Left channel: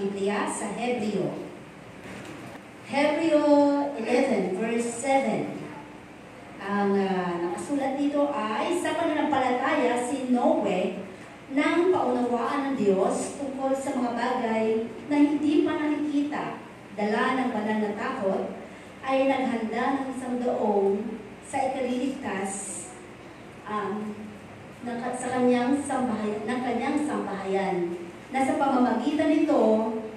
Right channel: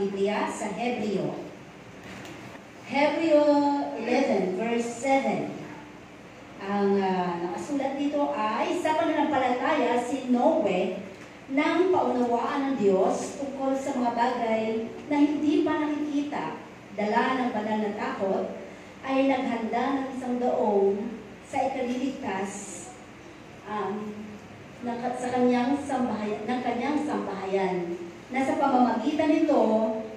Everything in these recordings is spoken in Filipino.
Biblia sa Hebreo. Hebreo 11 verse 7. Ang nakasulat dito ay, sa pananampalataya si Noe nang paunawaan ng Diyos tungkol sa mga bagay na hindi pa nakikita, dala ng banal na takot, ay naghanda ng isang daong sa ikaliligtas sa kanyang sambahayan, na sa pamamagitan nito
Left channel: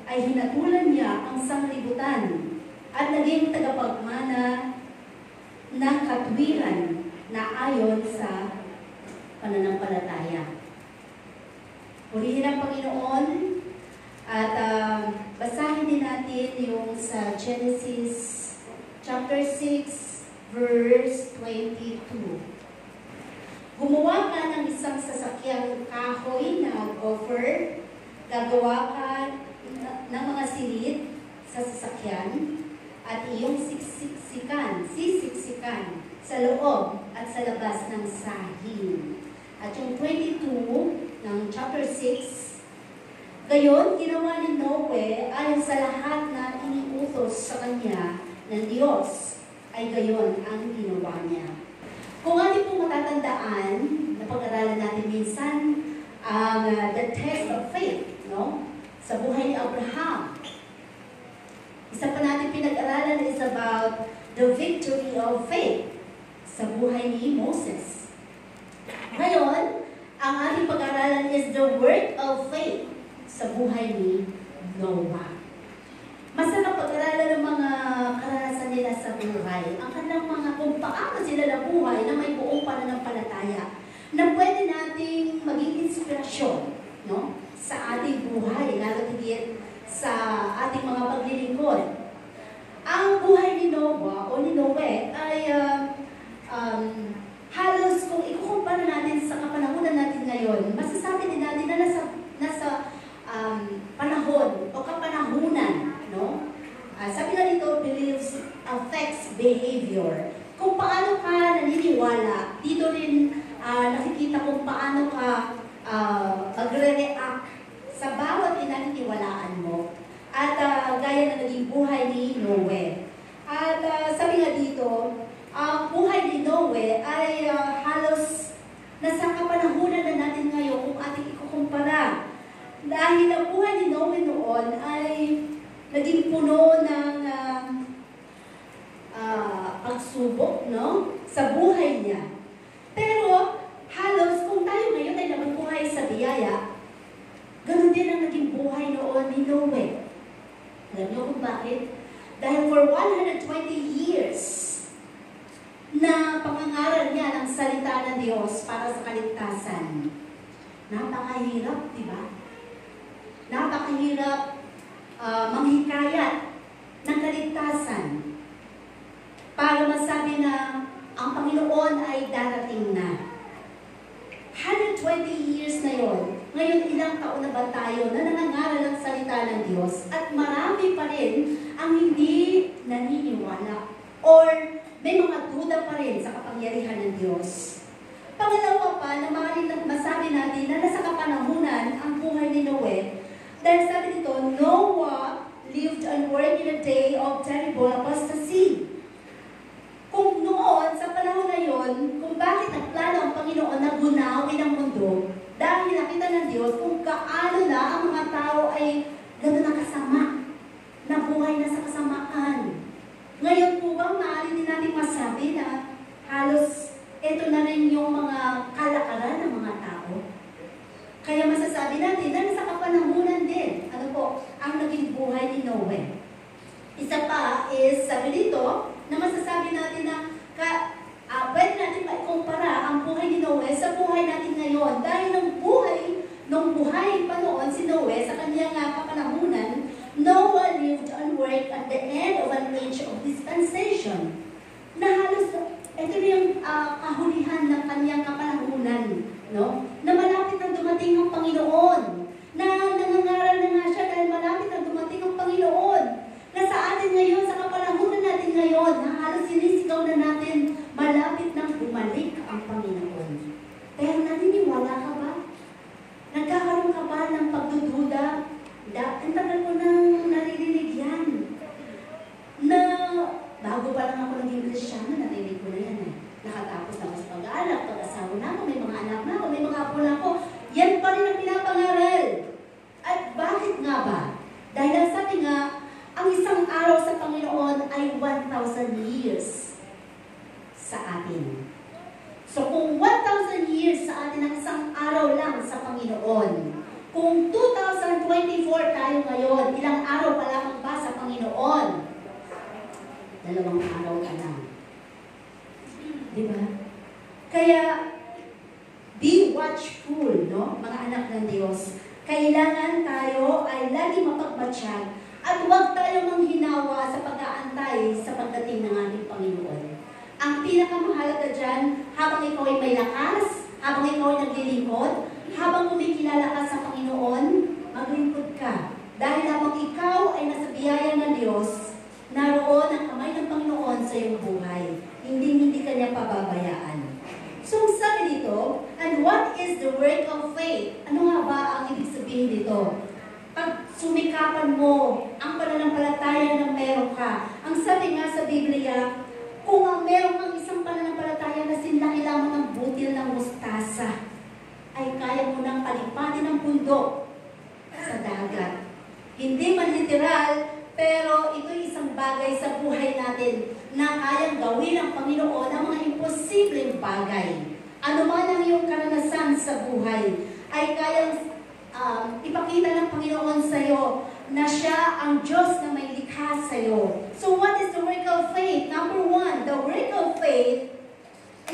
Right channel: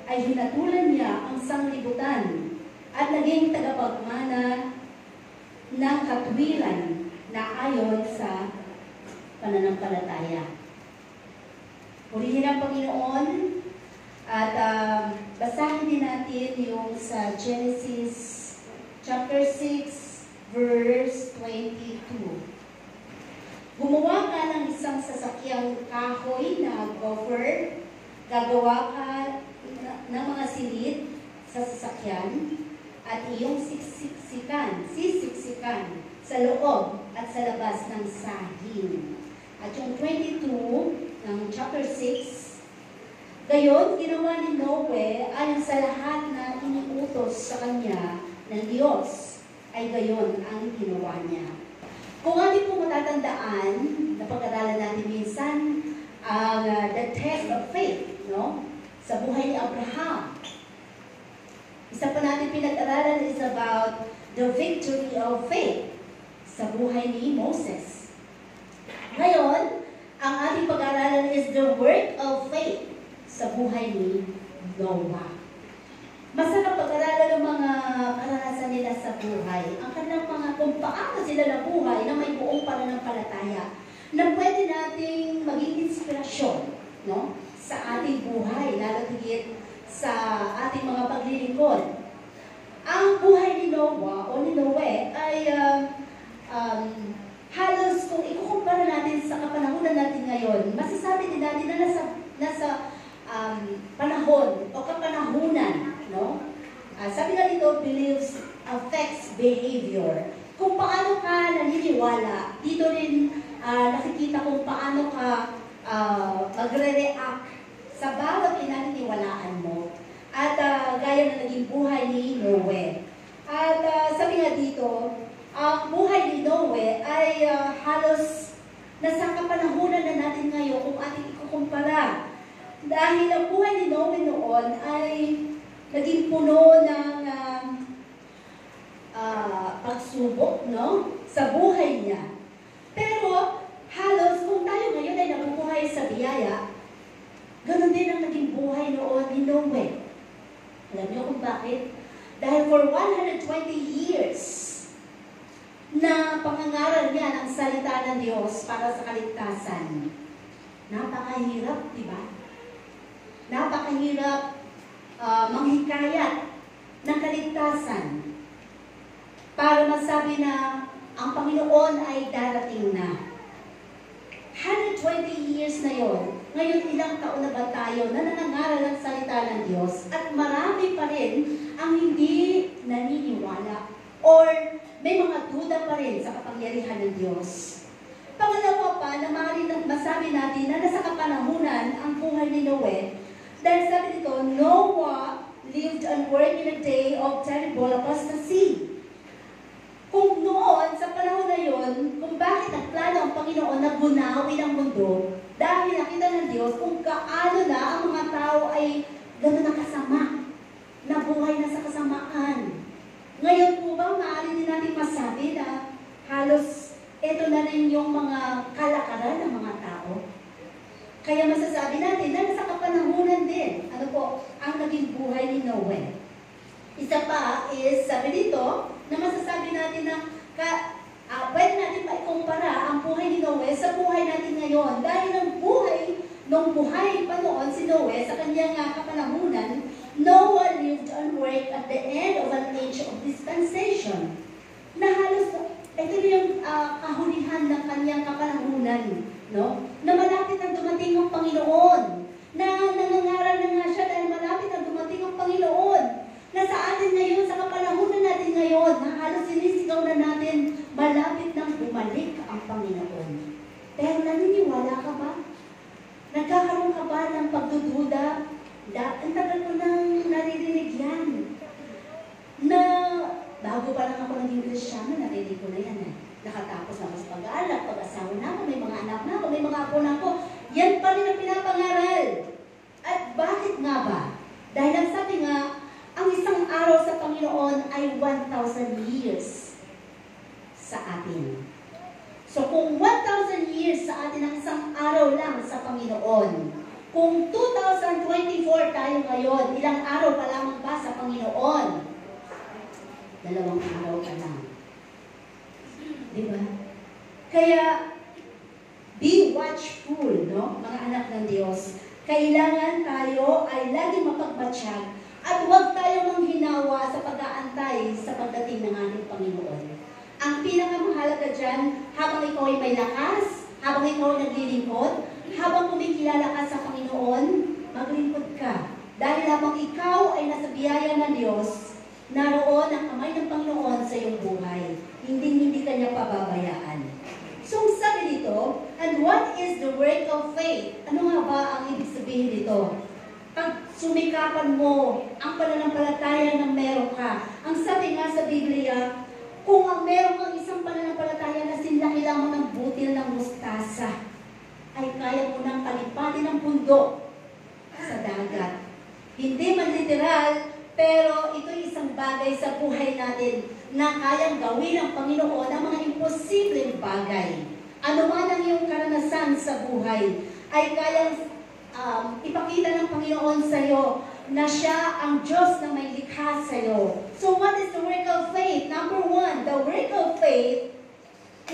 ay hinatulan niya ang sanglibutan at naging tagapagmana ng katwiran na ayon sa pananampalataya. Purihin ang Panginoon at basahin din natin yung sa Genesis chapter 6 verse 22. Gumawa ka ng isang sasakyang kahoy na gopher, gagawa ka ng mga silid sa sasakyan, at iyong sisiksikan sa loob at sa labas ng sahig. At yung 22 ng chapter 6, gayon ginawa ni Noe ayon sa lahat na iniutos sa kanya ng Diyos, ay gayon ang ginawa niya. Kung ating po matatandaan, napag-aralan natin minsan ang the test of faith, no? Sa buhay ni Abraham. Isa pa natin pinag-aralan is about the victory of faith sa buhay ni Moses. Ngayon, ang ating pag-aralan is the work of faith sa buhay ni Noah. Masarap pag-aralan ng mga karanasan nila sa buhay. Ang kanilang mga kung paano sila nabuhay na may buong pananampalataya na pwede nating maging inspirasyon, no? Sa ating buhay, lalo higit sa ating mga paglilingkod. Ang buhay ni Noah o ni Noe ay halos kung ikukumpara natin sa kapanahonan natin ngayon, masasabi din natin na nasa panahon o kapanahunan, no? Sabi na dito, beliefs affects behavior. Kung paano ka naniniwala, dito rin nakikita kung paano ka magre-react sa bawat pinaniniwalaan mo. At gaya na naging buhay ni Noe. At sabi nga dito, ang buhay ni Noe ay halos nasa kapanahunan na natin ngayon kung ating ikukumpara. Dahil ang buhay ni Noe noon ay naging puno ng pagsubok, no? Sa buhay niya. Pero halos kung tayo ngayon ay nabubuhay sa biyaya, ganoon din ang naging buhay noon ni Noe. Alam niyo kung bakit? Dahil for 120 years na pangangaral niya ng salita ng Diyos para sa kaligtasan. Napakahirap, di ba? Napakahirap manghikayat ng kaligtasan para masabi na ang Panginoon ay darating na. 120 years na yon. Ngayon, ilang taon na ba tayo na nanangaral ang salita ng Diyos at marami pa rin ang hindi naniniwala or may mga duda pa rin sa kapangyarihan ng Diyos. Pangalawa pa na masabi natin na nasa kapanahunan ang buhay ni Noe dahil sabi nito, Noah lived and worked in a day of terrible apostasy. Kung noon, sa panahon na yon, kung bakit nagplano ang Panginoon na gunawin ang mundo, dahil nakita ng Diyos kung kaano na ang mga tao ay gano'n na kasama, nabuhay na sa kasamaan. Ngayon po ba, maaari din natin masabi na halos ito na rin yung mga kalakaran ng mga tao? Kaya masasabi natin na nasa kapanahunan din, ano po, ang naging buhay ni Noe. Isa pa is, sabi dito, na masasabi natin na pwede natin maikumpara ang buhay ni Noe sa buhay natin ngayon. Dahil nung buhay pa noon si Noe sa kanyang kapanahunan, Noah lived and worked at the end of an age of dispensation. Na halos, ito yung kahulihan ng kanyang kapanahunan, no? Na malapit na dumating ang Panginoon. Na nangangaral na nga siya dahil malapit na dumating ang Panginoon. Na sa atin ngayon, sa kapanahunan natin ngayon, na halos sinisigaw na natin, malapit nang bumalik ang Panginoon. Pero naniniwala ka ba? Nagkakaroon ka ba ng pagdududa? Ang tagal mo Kung 2024 tayo ngayon, ilang araw pa lamang ba sa Panginoon? 2 araw ka lang. Di ba? Kaya, be watchful, no? Mga anak ng Diyos. Kailangan tayo ay laging mapagbatsyag at huwag tayo manghinawa sa pag-aantay sa pagdating ng ating Panginoon. Ang pinakamahalaga dyan, habang ikaw ay may lakas, habang ikaw ay naglilingkod, habang kumikilala ka sa Panginoon, maglingkod ka. Dahil habang ikaw ay nasa biyaya ng Diyos, naroon ang kamay ng Panginoon sa iyong buhay. Hindi ka niya pababayaan. So, sabi dito, and what is the work of faith? Ano nga ba ang ibig sabihin dito? Pag sumikapan mo ang pananampalataya na meron ka, ang sabi nga sa Biblia, kung ang meron kang isang pananampalataya na sinlaki lamang ng butil ng mustasa, ay kaya mo nang palipatin ang bundok sa dagat. Hindi man literal, pero ito'y isang bagay sa buhay natin na kayang gawin ng Panginoon ang mga imposibleng bagay. Ano man ang iyong karanasan sa buhay, ay kayang ipakita ng Panginoon sa iyo na siya ang Diyos na may likha sa iyo. So what is the work of faith? Number 1, the work of faith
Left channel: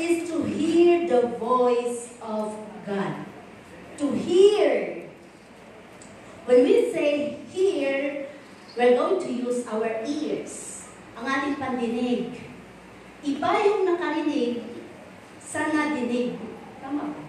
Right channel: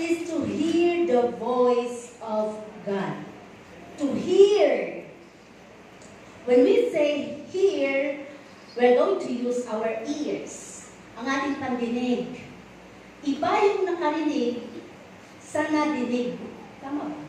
is to hear the voice of God. To hear. When we say hear, we're going to use our ears. Ang ating pandinig. Iba yung nakarinig sa nadinig. Tama ba?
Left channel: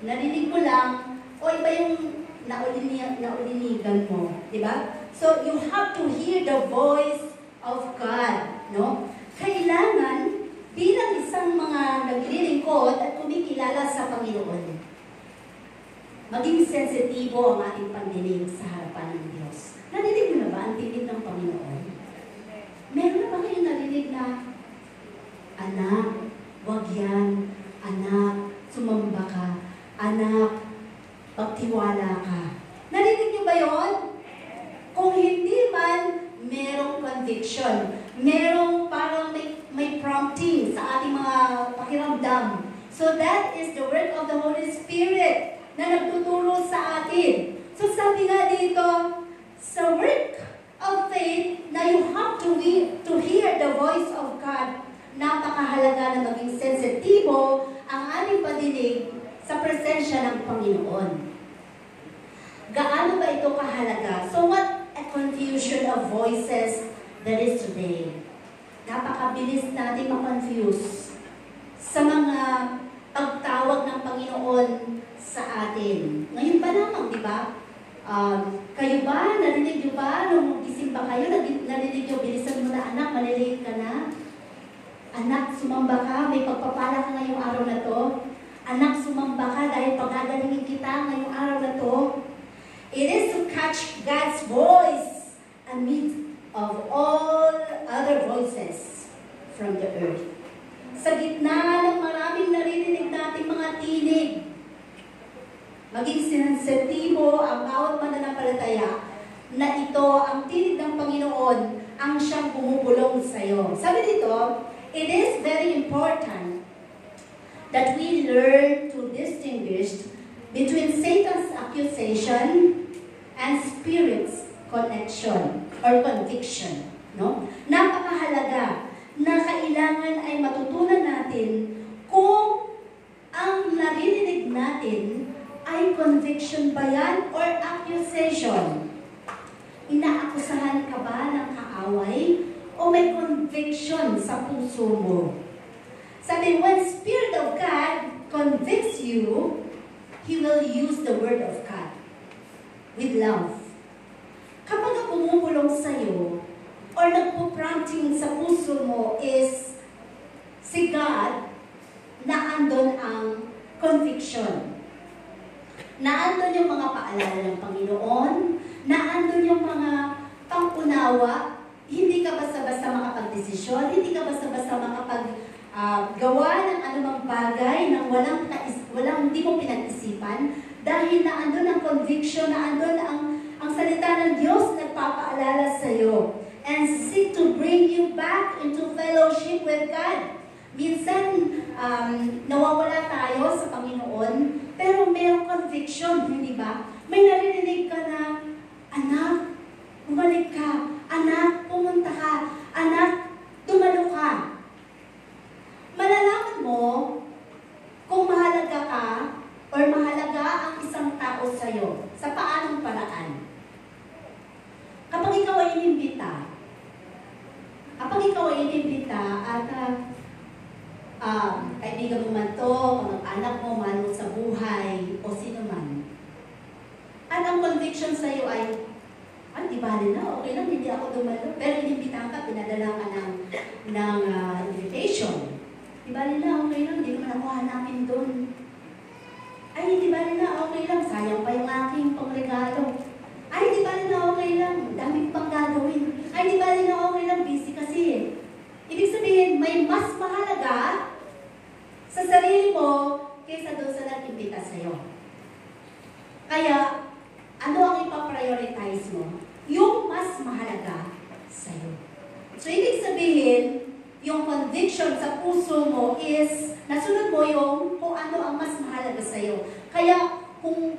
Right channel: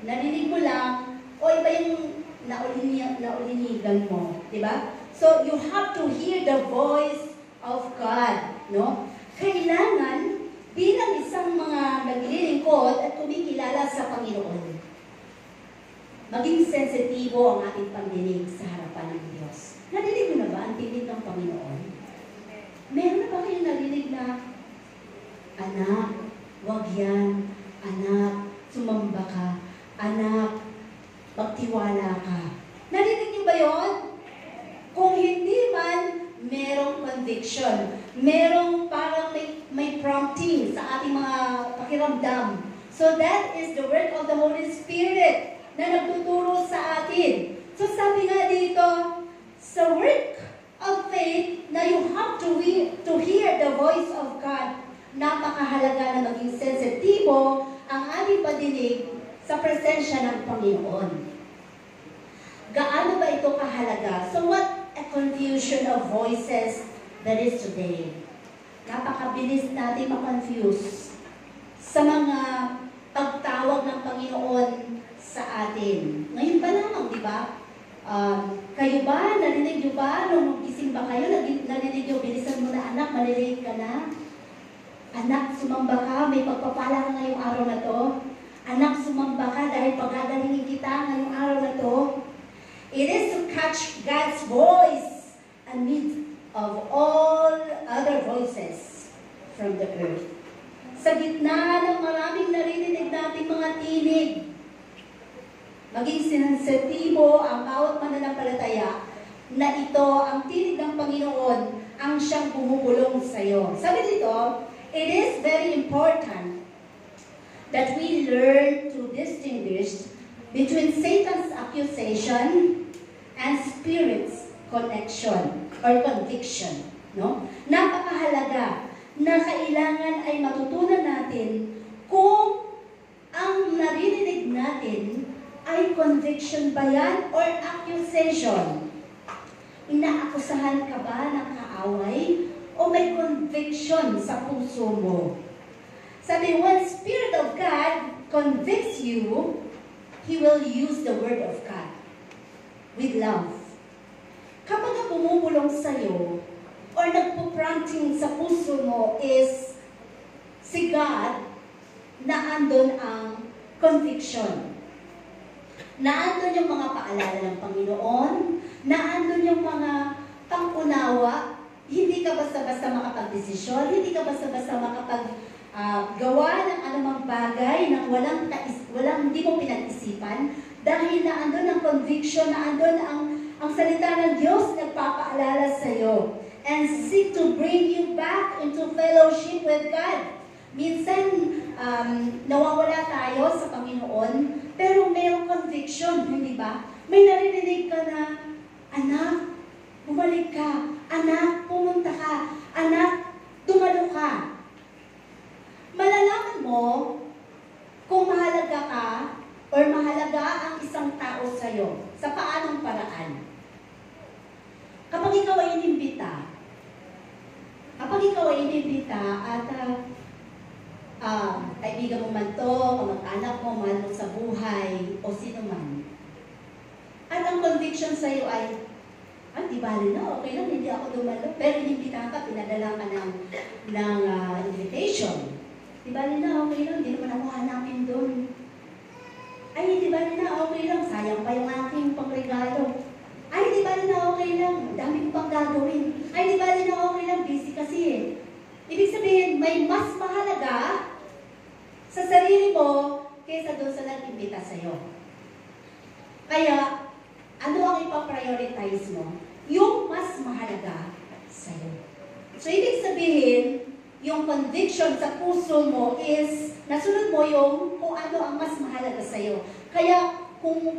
Narinig mo lang, o iba yung naulinigan mo. Diba? So, you have to hear the voice of God. No? Kailangan, bilang isang mga naglilingkod at kumikilala sa Panginoon, maging sensitibo ang ating pandinig sa harapan ng Diyos. Narinig mo na ba ang tinig ng Panginoon? Meron na ba kayong narinig na, anak, wag yan, anak, sumamba ka, anak, magtiwala ka. Narinig niyo ba yun? Kung hindi man, merong conviction. Merong parang may prompting sa ating mga pakiramdam. So that is the work of the Holy Spirit na nagtuturo sa atin. So sabi nga dito, sa work of faith na you have to hear the voice of God, napakahalaga na maging sensitibo ang ating padinig sa presensya ng Panginoon. Gaano ba ito kahalaga? So what a confusion of voices there is today. Napakabilis natin ma-confuse sa mga pagtawag ng Panginoon sa atin. Ngayon pa lamang, di ba? Kayo ba? Narinig nyo ba? Nung gising ba kayo? Narinig nyo, bilisan mo na anak, malilate ka na? Anak, sumamba ka, may pagpapala ka ngayong araw na to. Anak, sumamba ka dahil pagagalingin kita ngayong araw na to. It is to catch God's voice amid of all other voices from the earth. Sa gitna ng maraming naririnig nating mga tinig, maging sensitibo ang bawat mananampalataya na ito ang tinig ng Panginoon ang siyang bumubulong sa iyo. Sabi dito, it is very important that we learn to distinguish between Satan's accusation and Spirit's connection or conviction. No? Napakahalaga na kailangan ay matutunan natin kung ang narinig natin ay conviction ba yan or accusation. Inaakusahan ka ba ng kaaway o may conviction sa puso mo? Sabi, when Spirit of God convicts you, He will use the Word of God with love. Kapag pumupulong sa'yo or nagpo-prompting sa puso mo is si God, na andon ang conviction. Na andon yung mga paalala ng Panginoon, na andon yung mga pang-unawa, hindi ka basta-basta makapag-desisyon, hindi ka basta-basta makapag-gawa ng anumang bagay na walang hindi mo pinag-isipan, dahil na andun ang conviction, na andun ang salita ng Diyos nagpapaalala sa iyo and seek to bring you back into fellowship with God. Minsan, nawawala tayo sa Panginoon, pero mayroong conviction, hindi ba? May saan. Kapag ikaw ay inimbita at kaibigan mo man to, kamag-anak mo man sa buhay, o sino man, at ang conviction sa'yo ay, di bali na, okay lang, hindi ako dumalo. Pero inimbitahan ka, pinadala ka ng invitation. Di bali na, okay lang, hindi naman ako hanapin doon. Ay, di bali na, okay lang, sayang pa yung aking pangregalo. Ay, di bali na, okay lang, dami ko pang gagawin. Ay, di bali na, okay lang, busy kasi. Ibig sabihin, may mas mahalaga sa sarili mo kaysa doon sa nag-imbita sa'yo. Kaya, ano ang ipaprioritize mo? Yung mas mahalaga sa'yo. So, ibig sabihin, yung conviction sa puso mo is, nasunod mo yung kung ano ang mas mahalaga sa'yo. Kaya, kung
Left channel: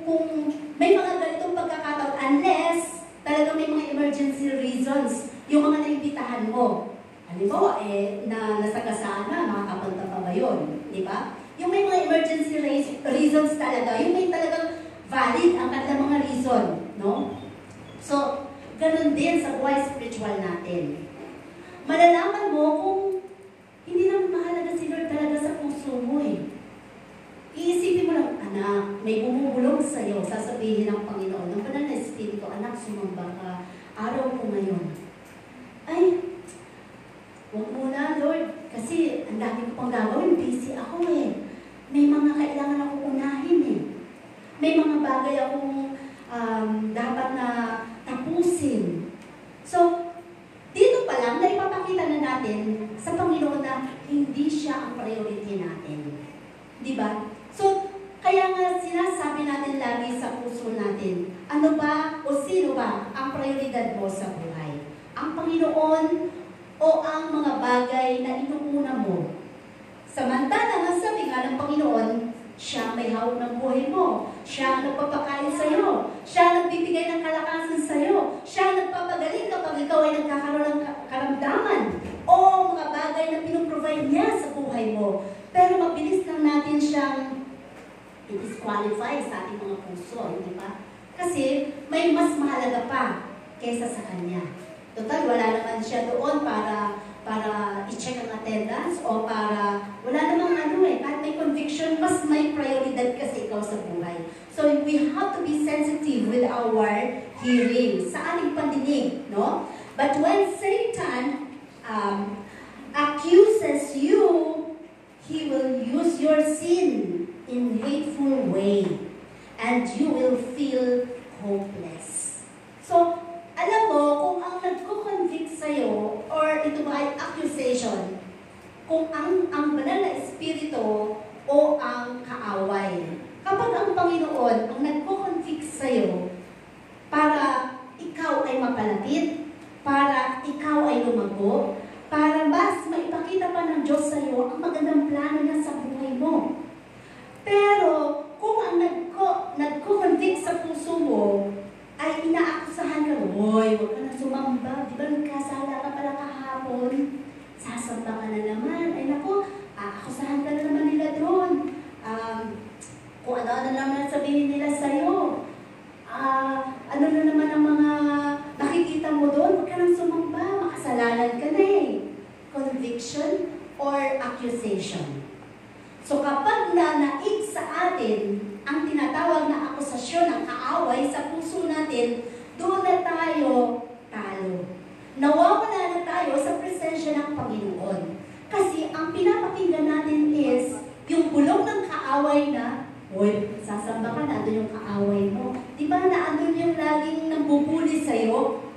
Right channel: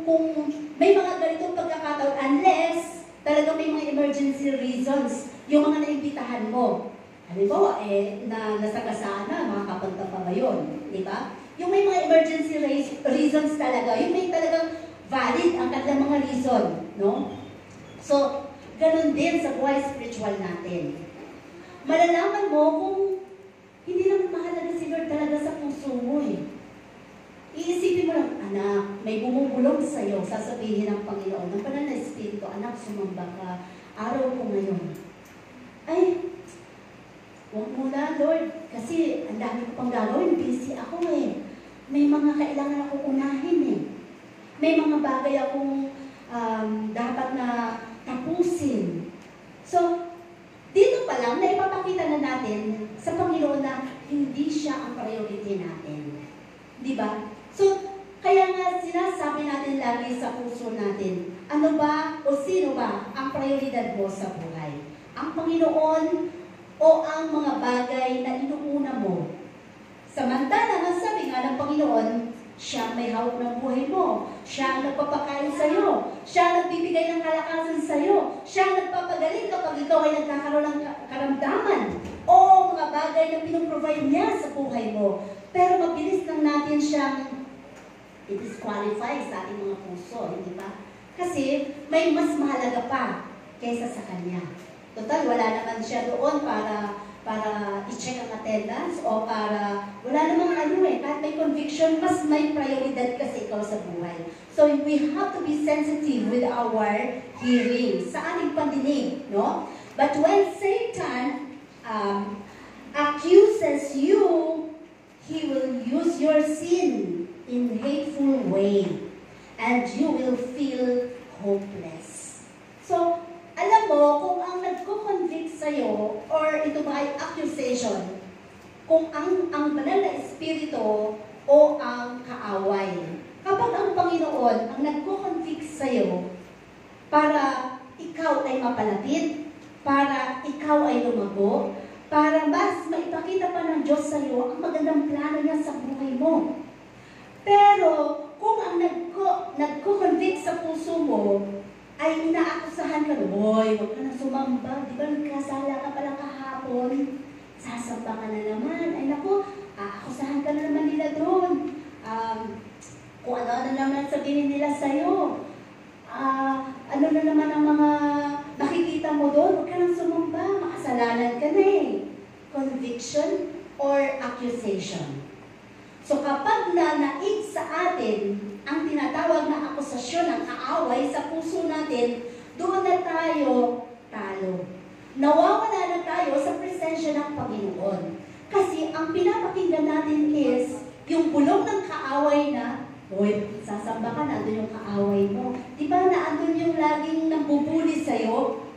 may mga ganitong pagkakataon, unless talagang may mga emergency reasons, yung mga naimbitahan mo. Halimbawa, na nasagasaan na, makakapunta pa ba yun? Di ba? Yung may mga emergency reasons talaga, yung may talagang valid ang kanilang mga reason, no? So, ganun din sa buhay spiritual natin. Malalaman mo kung hindi naman mahalaga si Lord talaga sa puso mo eh. Iisipin mo lang, anak, may bumubulong sa'yo, sasabihin ng Panginoon, ng Banal na Espiritu, anak, sumamba ka, araw ko ngayon. Ay, huwag muna, Lord, kasi ang dami ko pang gagawin, busy ako eh. May mga kailangan ako unahin eh. May mga bagay akong dapat na tapusin. So, dito pa lang, naipapakita na natin sa Panginoon na hindi siya ang priority natin. Di ba? So, kaya nga sinasabi natin lagi sa puso natin, ano ba o sino ba ang prioridad mo sa buhay? Ang Panginoon o ang mga bagay na inuuna mo? Samantala, nasabi nga ng Panginoon, siya may hawak ng buhay mo. Siya ang nagpapakain sa'yo. Siya ang nagbibigay ng kalakasan sa'yo. Siya ang nagpapagaling kapag ikaw ay nagkakaroon ng karamdaman o mga bagay na pinuprovide niya sa buhay mo. Pero mabilis lang natin siyang i-disqualify sa ating mga puso, hindi ba? Kasi may mas mahalaga pa kaysa sa Kanya. Total, wala naman siya doon para i-check ang attendance o para wala namang kahit may conviction, mas may prioridad kasi ikaw sa buhay. So, we have to be sensitive with our hearing, sa ating pandinig, no? But when Satan accuses you, he will use your sin in hateful way and you will feel hopeless. So, alam mo, kung ang nagko-convict sa'yo, or ito ba ay accusation, kung ang banal na espiritu o ang kaaway. Kapag ang Panginoon ang nagko-convict sa'yo para ikaw ay mapalapit, para ikaw ay lumago, para mas maipakita pa ng Diyos sa'yo ang magandang plano niya sa buhay mo. Pero, kung ang nagko-convict sa puso mo, ay inaakusahan ka, hoy, huwag ka na sumamba, di ba nagkasala ka pala kahapon? Sasamba ka na naman, ay naku, aakusahan ka na naman nila doon. Kung ano naman sabihin nila sa'yo, ano na naman ang mga nakikita mo doon, huwag ka nang sumamba, makasalanan ka na eh. Conviction or accusation. So kapag nanaig sa atin ang tinatawag na akusasyon ng kaaway sa puso natin, doon na tayo talo. Nawawala na tayo sa presensya ng Panginoon. Kasi ang pinapakinggan natin is yung bulong ng kaaway na, uy, sasamba ka, nandun yung kaaway mo. Di ba naandun yung laging nambubuli sa'yo?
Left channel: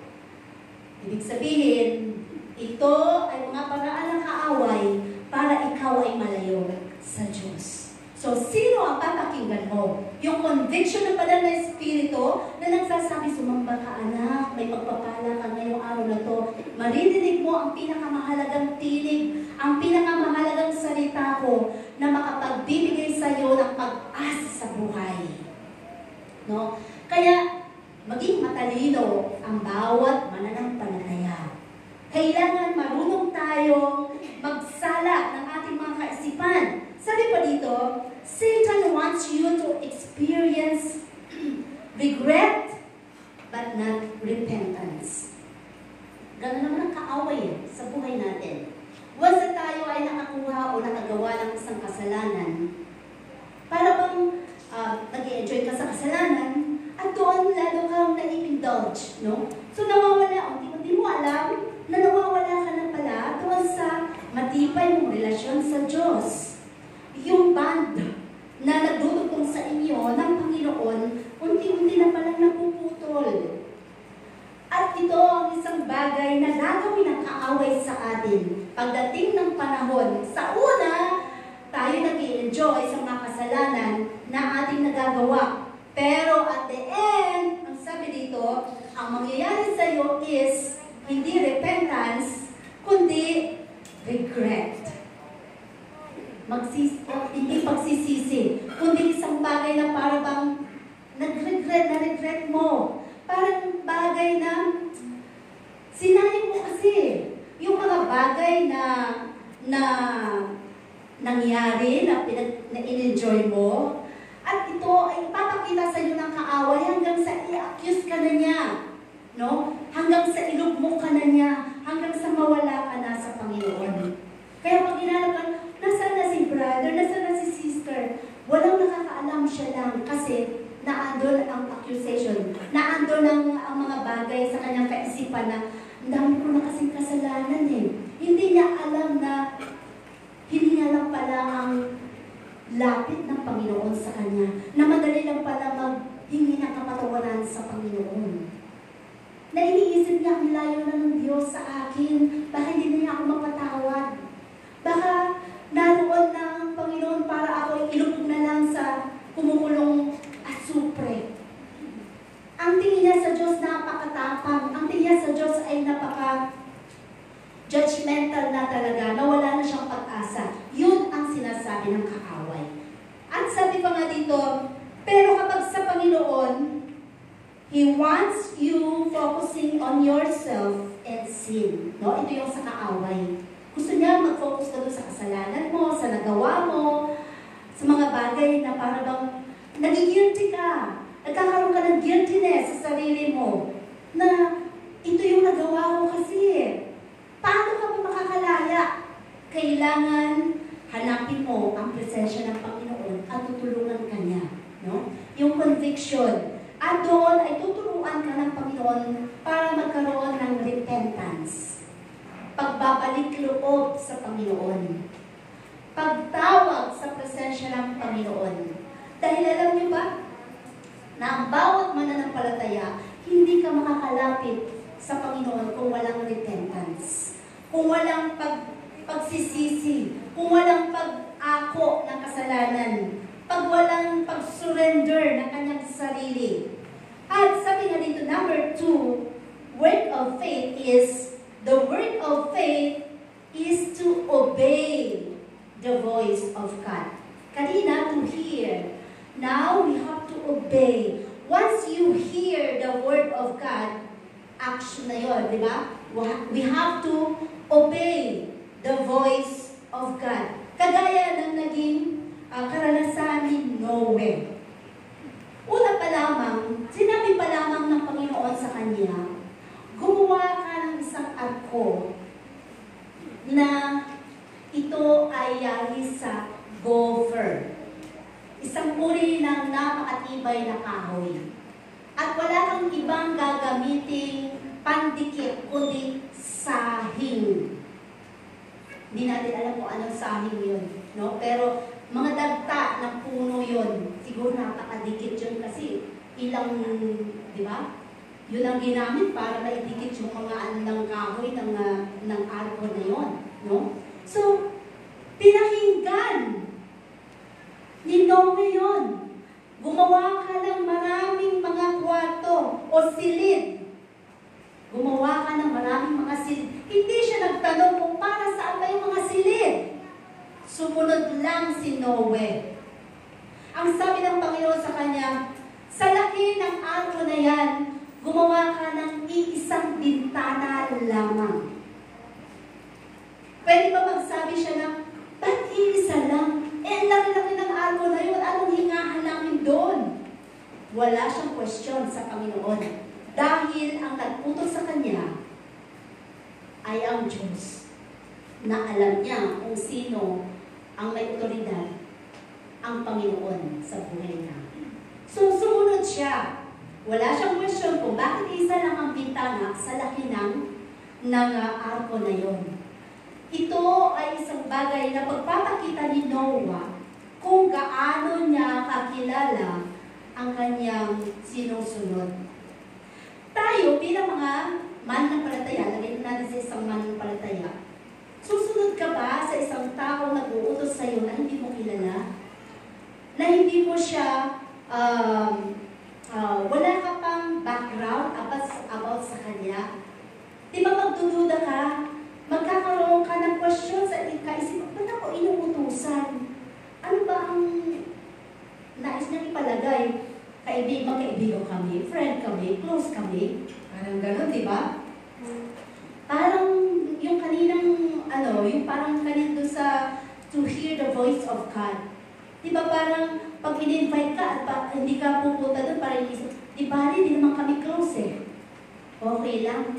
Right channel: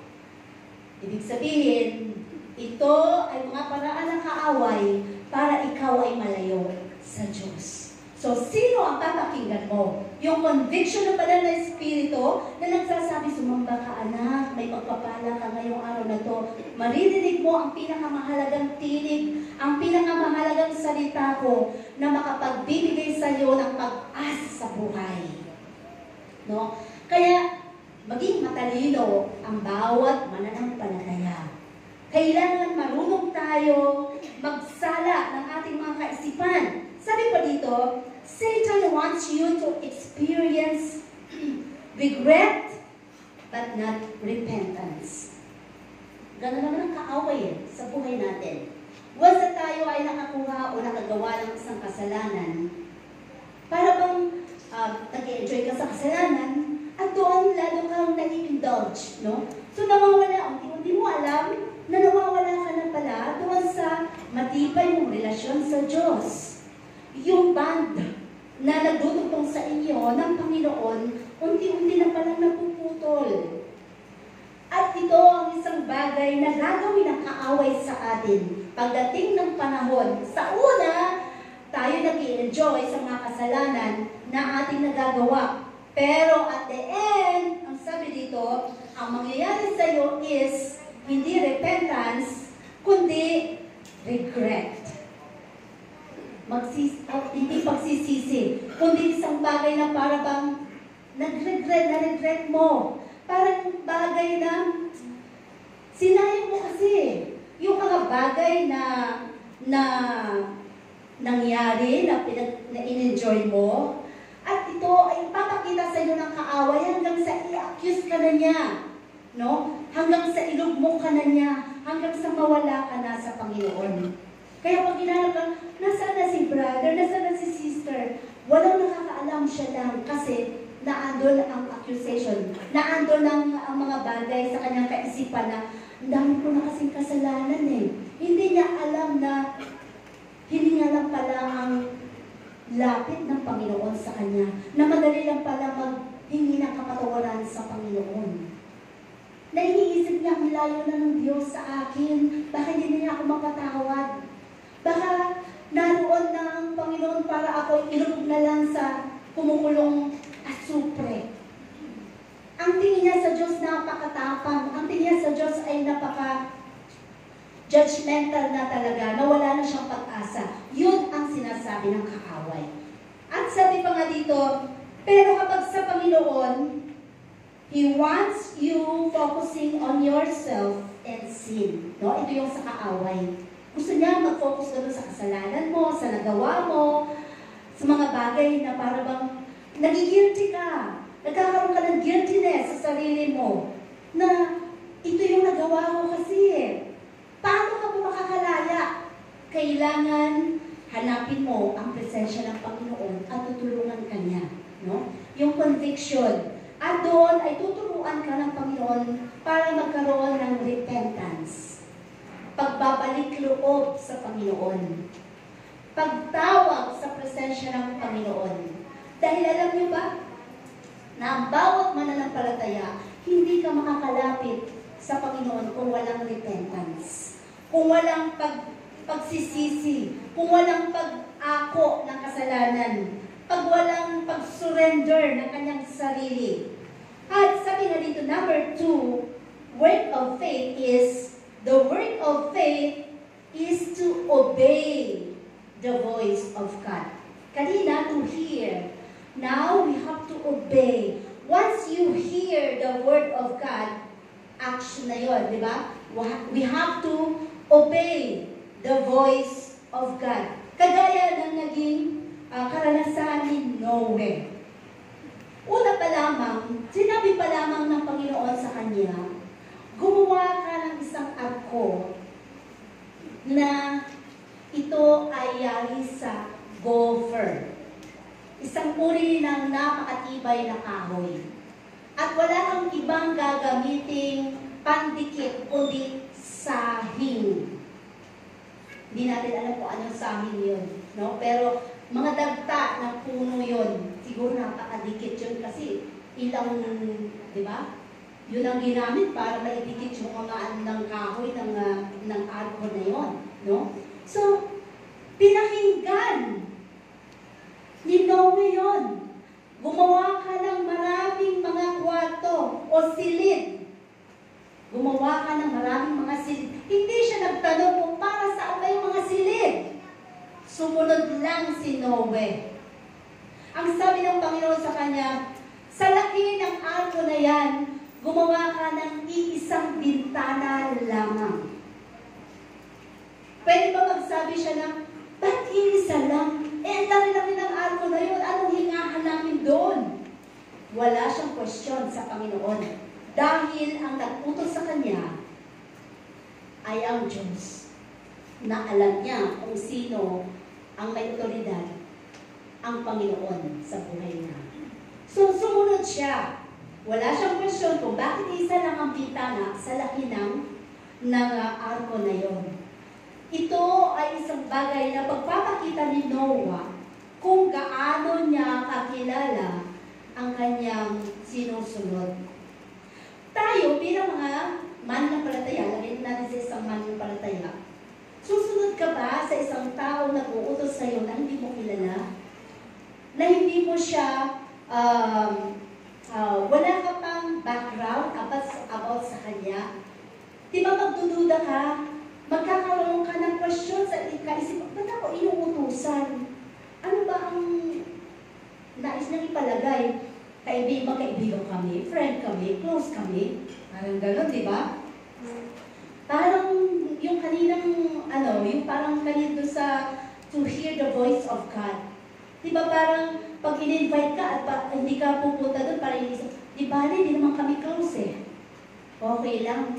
Ibig sabihin, ito ay mga paraan ng kaaway para ikaw ay malayo sa Diyos. So, sino ang papakinggan mo? Yung conviction ng Banal na Espiritu na nagsasabi, sumamba ka anak, may pagpapala ka ngayong araw na to. Maririnig mo ang pinakamahalagang tinig, ang pinakamahalagang salita ko na makapagbibigay sa iyo ng pag-asa sa buhay. No? Kaya, maging matalino ang bawat mananampalataya. Kailangan marunong tayo magsala ng ating mga kaisipan. Sabi pa dito, Satan wants you to experience regret but not repentance. Ganun naman ang kaaway sa buhay natin. Once na tayo ay nakakuha o nakagawa ng isang kasalanan, para bang nag-enjoy ka sa kasalanan, at doon lalo kang nai-indulge, no? So nawawala, hindi mo alam na nawawala ka na pala doon sa matibay mong relasyon sa Diyos. Yung band na nagdudugtong sa inyo ng Panginoon, unti-unti na palang napuputol. At ito ang isang bagay na gagawin ng kaaway sa atin. Pagdating ng panahon, sa una, tayo nag-i-enjoy sa mga kasalanan na ating nagagawa. Pero at the end, ang sabi dito, ang mangyayari sa iyo is hindi repentance, kundi regret. Hindi pagsisisi, kundi isang bagay na para bang nag-regret mo. Parang bagay na sinayang mo kasi yung mga bagay na nangyari, na in-enjoy mo, at ito ay ipapakita sa inyo ng kaaway hanggang sa i-accuse ka na niya, no? Hanggang sa ilugmo ka na niya, hanggang sa mawala ka na sa Panginoon. Kaya pag inanap ka, nasaan na si brother, nasaan na si sister, walang nakakaalam siya lang kasi naandun ang accusation, naandun ang mga bagay sa kanyang kaisipan na ang dami ko na kasing kasalanan eh. Hindi niya alam na hindi niya lang pala ang lapit ng Panginoon sa kanya, na madali lang pala maghingi ng kapatawaran sa Panginoon. Na iniisip niya, ang layo na ng Diyos sa akin, baka hindi niya ako mapatawad. Baka naroon na ang Panginoon para ako ilubog na lang sa kumukulong asupre. Ang tingin niya sa Diyos napakatapang. Ang tingin niya sa Diyos ay napaka-judgmental na talaga, na wala na siyang pag-asa. Yun ang sinasabi ng kaaway. At sabi pa nga dito, pero kapag sa Panginoon, He wants you focusing on yourself and sin. No? Ito yung sa kaaway. Gusto niya mag-focus ka doon sa kasalanan mo, sa nagawa mo, sa mga bagay na para bang nagigilty ka. Nagkakaroon ka ng guiltiness sa sarili mo na ito yung nagawa ko kasi. Paano ka ba makakalaya? Kailangan hanapin mo ang presensya ng Panginoon at tutulungan ka niya. No? Yung conviction. At doon ay tuturuan ka ng Panginoon para magkaroon ng repentance. Pagbabalik loob sa Panginoon. Pagtawag sa presensya ng Panginoon. Dahil alam niyo ba, na ang bawat mananampalataya, hindi ka makakalapit sa Panginoon kung walang repentance. Kung walang pagsisisi, kung walang pag-ako ng kasalanan, pag walang pag-surrender ng kanyang sarili. At sabi nga dito, number 2, work of faith is, the work of faith is to obey the voice of God. Kanina, to hear. Now, we have to obey. Once you hear the word of God, action na yun, di ba? We have to obey the voice of God. Kagaya ng naging karanasan ni Noe. Una pa lamang, sinabi pa lamang ng Panginoon sa kanya, gumawa ka ng isang arko na ito ay yari sa gopher. Isang uri ng napakatibay na kahoy. At wala kang ibang gagamiting pandikit, kundi sahing. Hindi natin alam kung anong sahing yun. No? Pero mga dagta ng puno yun. Siguro napakadikit yun kasi ilang, di ba? Yun ang ginamit para maidikit yung mga ng kahoy ng arko na yun. No? So, pinakinggan ni Noe yun. Gumawa ka ng maraming mga kwarto o silid. Gumawa ka ng maraming mga silid. Hindi siya nagtanong kung para saan ba yung mga silid. Sumunod lang si Noe. Ang sabi ng Panginoon sa kanya, sa laki ng arko na yan, gumawa ka ng iisang bintana lamang. Pwede ba magsabi siya na, ba't iisa lang? Eh, ang laki ng arko na yun, anong hingahan namin doon? Wala siyang question sa Dahil ang nagputos sa kanya ay ang Diyos na alam niya kung sino ang may otoridad, ang Panginoon sa buhay natin. So, sumunod siya. Wala siyang question kung bakit isa lang ang bintana sa laki ng arko na yon. Ito ay isang bagay na pagpapakita ni Noah kung gaano niya kakilala ang kanyang sinusunod. Tayo bilang mga mananampalataya, lagay natin sa isang mananampalataya, susunod ka ba sa isang tao na uutos sa iyo na hindi mo kilala? Na hindi mo siya, wala ka pang background about sa kanya? Di ba magdududa ka? Magkakaroon ka ng question sa ikaisip, ba't ako inuutusan? Ano ba ang nais niyang ipalagay? Magkaibigan kami, friend kami, close kami. Parang gano'n, di ba? Parang yung kaninang, yung parang kanino sa to hear the voice of God. Di ba parang pag in-invite ka at hindi ka pupunta doon para inisip, di ba hindi naman kami close eh. Okay lang.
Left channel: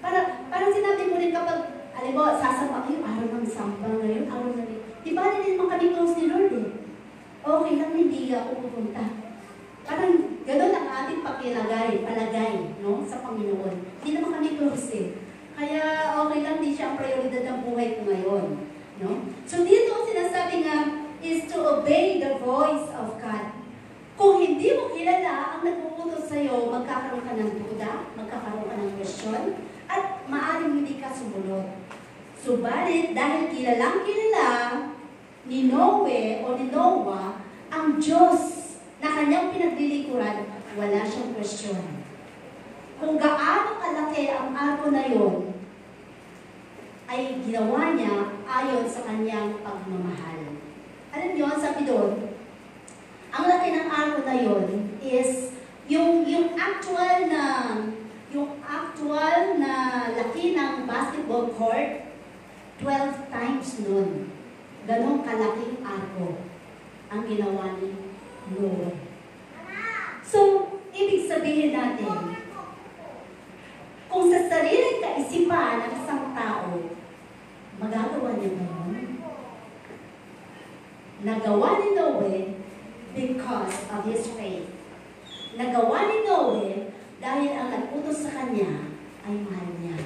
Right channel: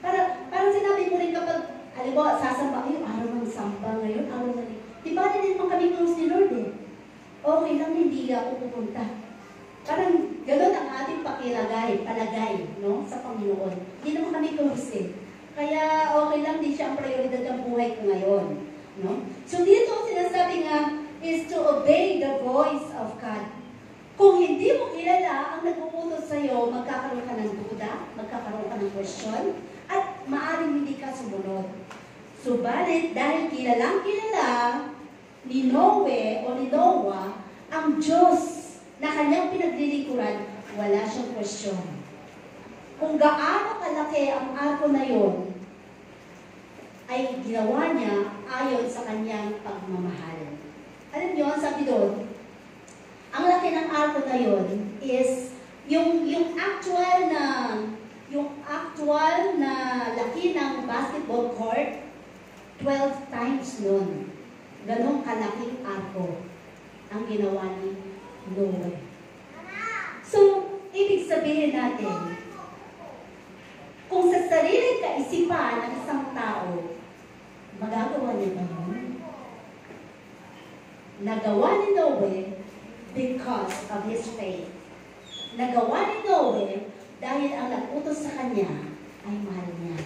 Parang sinabi ko rin kapag, alam mo, sasama, yung araw ng samba ngayon, araw na rin. Di ba hindi naman kami close ni Lord eh. Okay lang, hindi ako pupunta. Parang gano'n ang ating palagay, no, sa Panginoon. Hindi naman kami close eh. Kaya okay lang, di siya ang prioridad ng buhay ko ngayon. No? So dito ang sinasabi nga is to obey the voice of God. Kung hindi mo kilala ang nagpuputos sa'yo, magkakaroon ka ng duda, magkakaroon ka ng question, at maaaring hindi ka sumunod. Subalit, dahil kilalang kilala ni Noah ang Diyos na kanyang pinaglilingkuran, wala siyang question. Kung gaano kalaki ang arko na yon, ay ginawa niya ayon sa kanyang pagmamahal. Alam niyo, ang sabi doon, ang laki ng arko na yon is yung actual na laki ng basketball court, 12 times nun. Ganong kalaking arko ang ginawa ni Noah. So, ibig sabihin natin, kung sa sariling kaisipan ng isang tao, magagawa niya ba yun? Nagawa ni Noah because of his faith. Nagawa ni Noah dahil ang nagputos sa kanya ay mahal niya.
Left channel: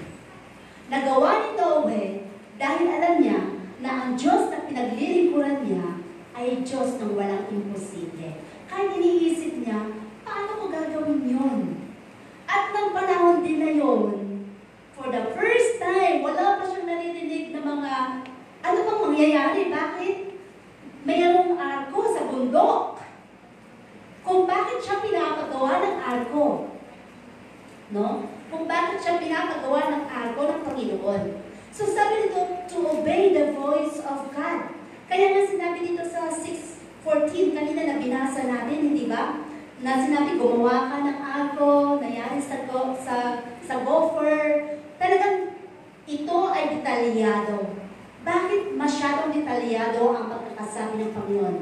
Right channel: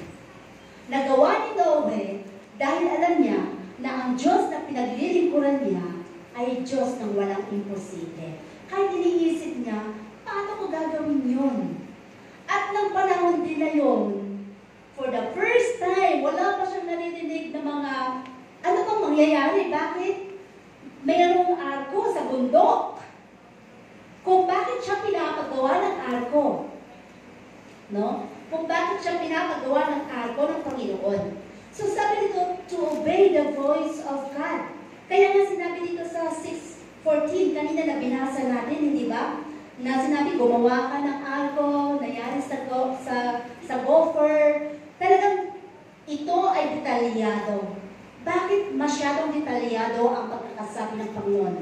Nagawa ni Noah dahil alam niya na ang Diyos na pinaglilingkuran niya ay Diyos ng walang imposible. Kaya iniisip niya, paano ko gagawin yun? At nang panahon din na yun, for the first time, wala pa siyang naririnig na mga, ano bang mangyayari? Bakit? Mayroong arko sa bundok. Kung bakit siya pinapagawa ng arko. No? Kung bakit siya pinapagawa ng arko ng Panginoon. So sabi nito, to obey the voice of God. Kaya nga sinabi dito sa 6:14, kanina na binasa natin, hindi ba? Na sinabi, gumawa ka ng arko, nangyari sa gopher. Talagang ito ay detalyado. Bakit masyadong detalyado ang pagkakasabi ng Panginoon?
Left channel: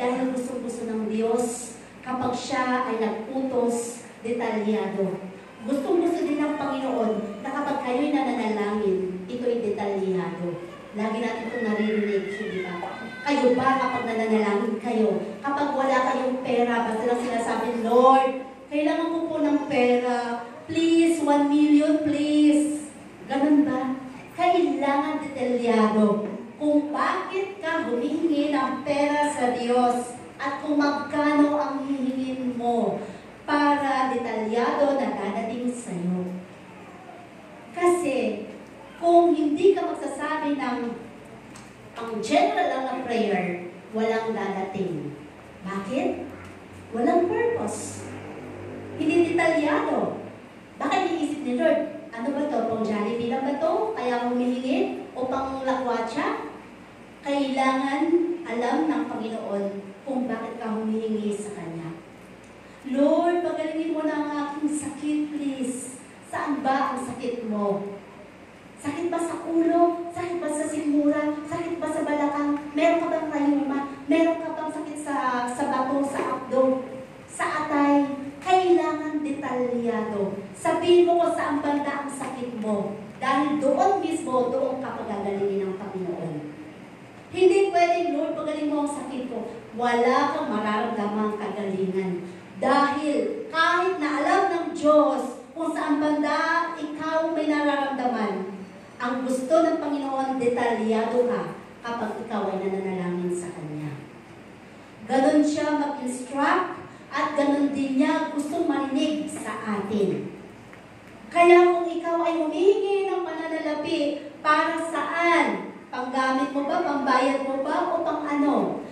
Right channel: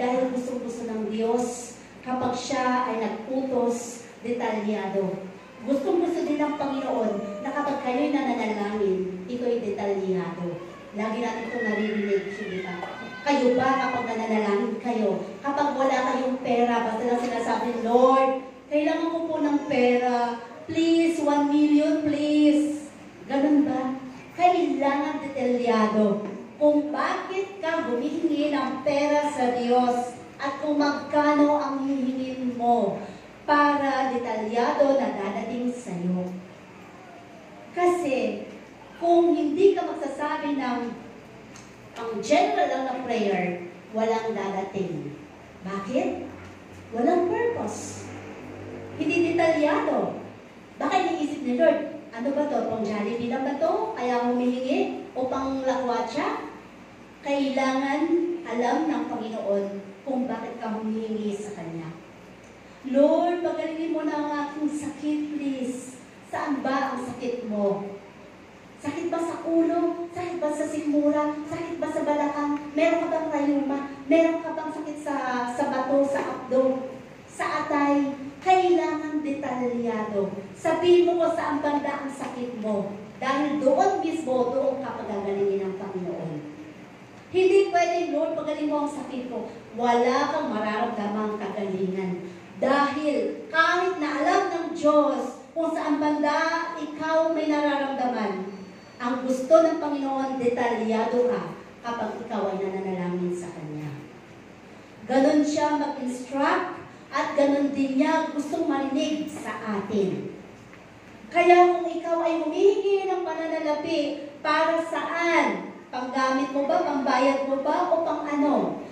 Dahil gusto ng Diyos, kapag siya ay nagputos, detalyado. Gustong-gusto din ng Panginoon na kapag kayo'y nananalangin, ito'y detalyado. Lagi natin itong naririnig, hindi ba? Kayo ba kapag nananalangin kayo? Kapag wala kayong pera, basta lang sinasabi, Lord, kailangan ko po ng pera. Please, 1 million, please. Ganun ba? Kailangan detalyado kung bakit ka humihingi ng pera sa Diyos at kung magkano ang hihingin mo para detalyado na dadating sa'yo. Kasi, kung hindi ka magsasabi ng ang general lang ng prayer, walang dadating. Bakit? Walang purpose. Hindi detalyado. Baka iniisip ni Lord, ano ba to? Pang Jollibee lang ba to? Kaya humihingi? O pang lakwatsa? Kailangan alam ng Panginoon kung bakit ka humihingi sa Kanya. Lord, pagalingin mo na ang aking sakit, please. Saan ba ang sakit mo? Sakit ba sa ulo? Sakit ba sa sikmura? Sakit ba sa balakang? Meron ka bang rayuma? Meron ka bang sakit sa bato, sa abdo? Sa atay? Kailangan detalyado. detalyado. Sabihin mo kung saan banda ang sakit mo. Dahil doon mismo, doon ka pagagalingin ng Panginoon. Hindi pwedeng, Lord, pagaling mo ang sakit ko. Wala kang mararamdamang kagalingan. Dahil kahit na alam ng Diyos kung saan banda ikaw may nararamdaman, ang gusto ng Panginoon, detalyado ka kapag ikaw ay nananalangin sa Kanya. Ganon siya mag-instruct at ganon din niya gusto marinig sa atin. Kaya kung ikaw ay humihingi ng pananalapi, para saan? Panggamit mo ba? Pambayad mo ba? O pang ano?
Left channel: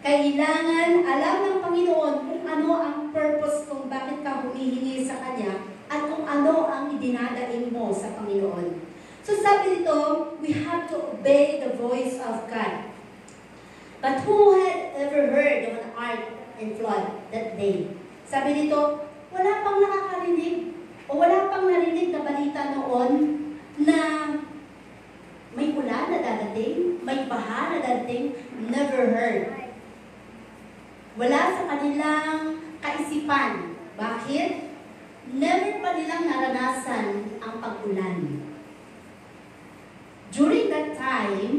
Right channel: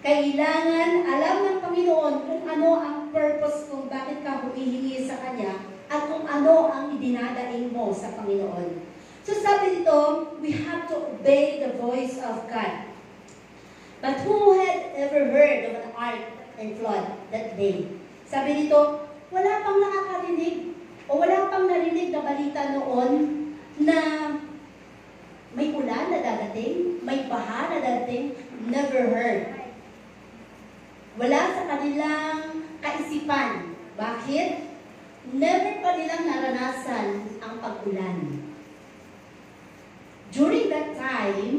Kailangan alam ng Panginoon kung ano ang purpose kung bakit ka humihingi sa Kanya at kung ano ang idinadaing mo sa Panginoon. So sabi dito, we have to obey the voice of God. But who had ever heard of an ark and flood that day? Sabi dito, wala pang nakakarinig o wala pang narinig na balita noon na may ulan na dadating, may baha na dadating. Never heard. Wala sa kanilang kaisipan. Bakit? Never pa nilang naranasan ang pag-ulan. During that time,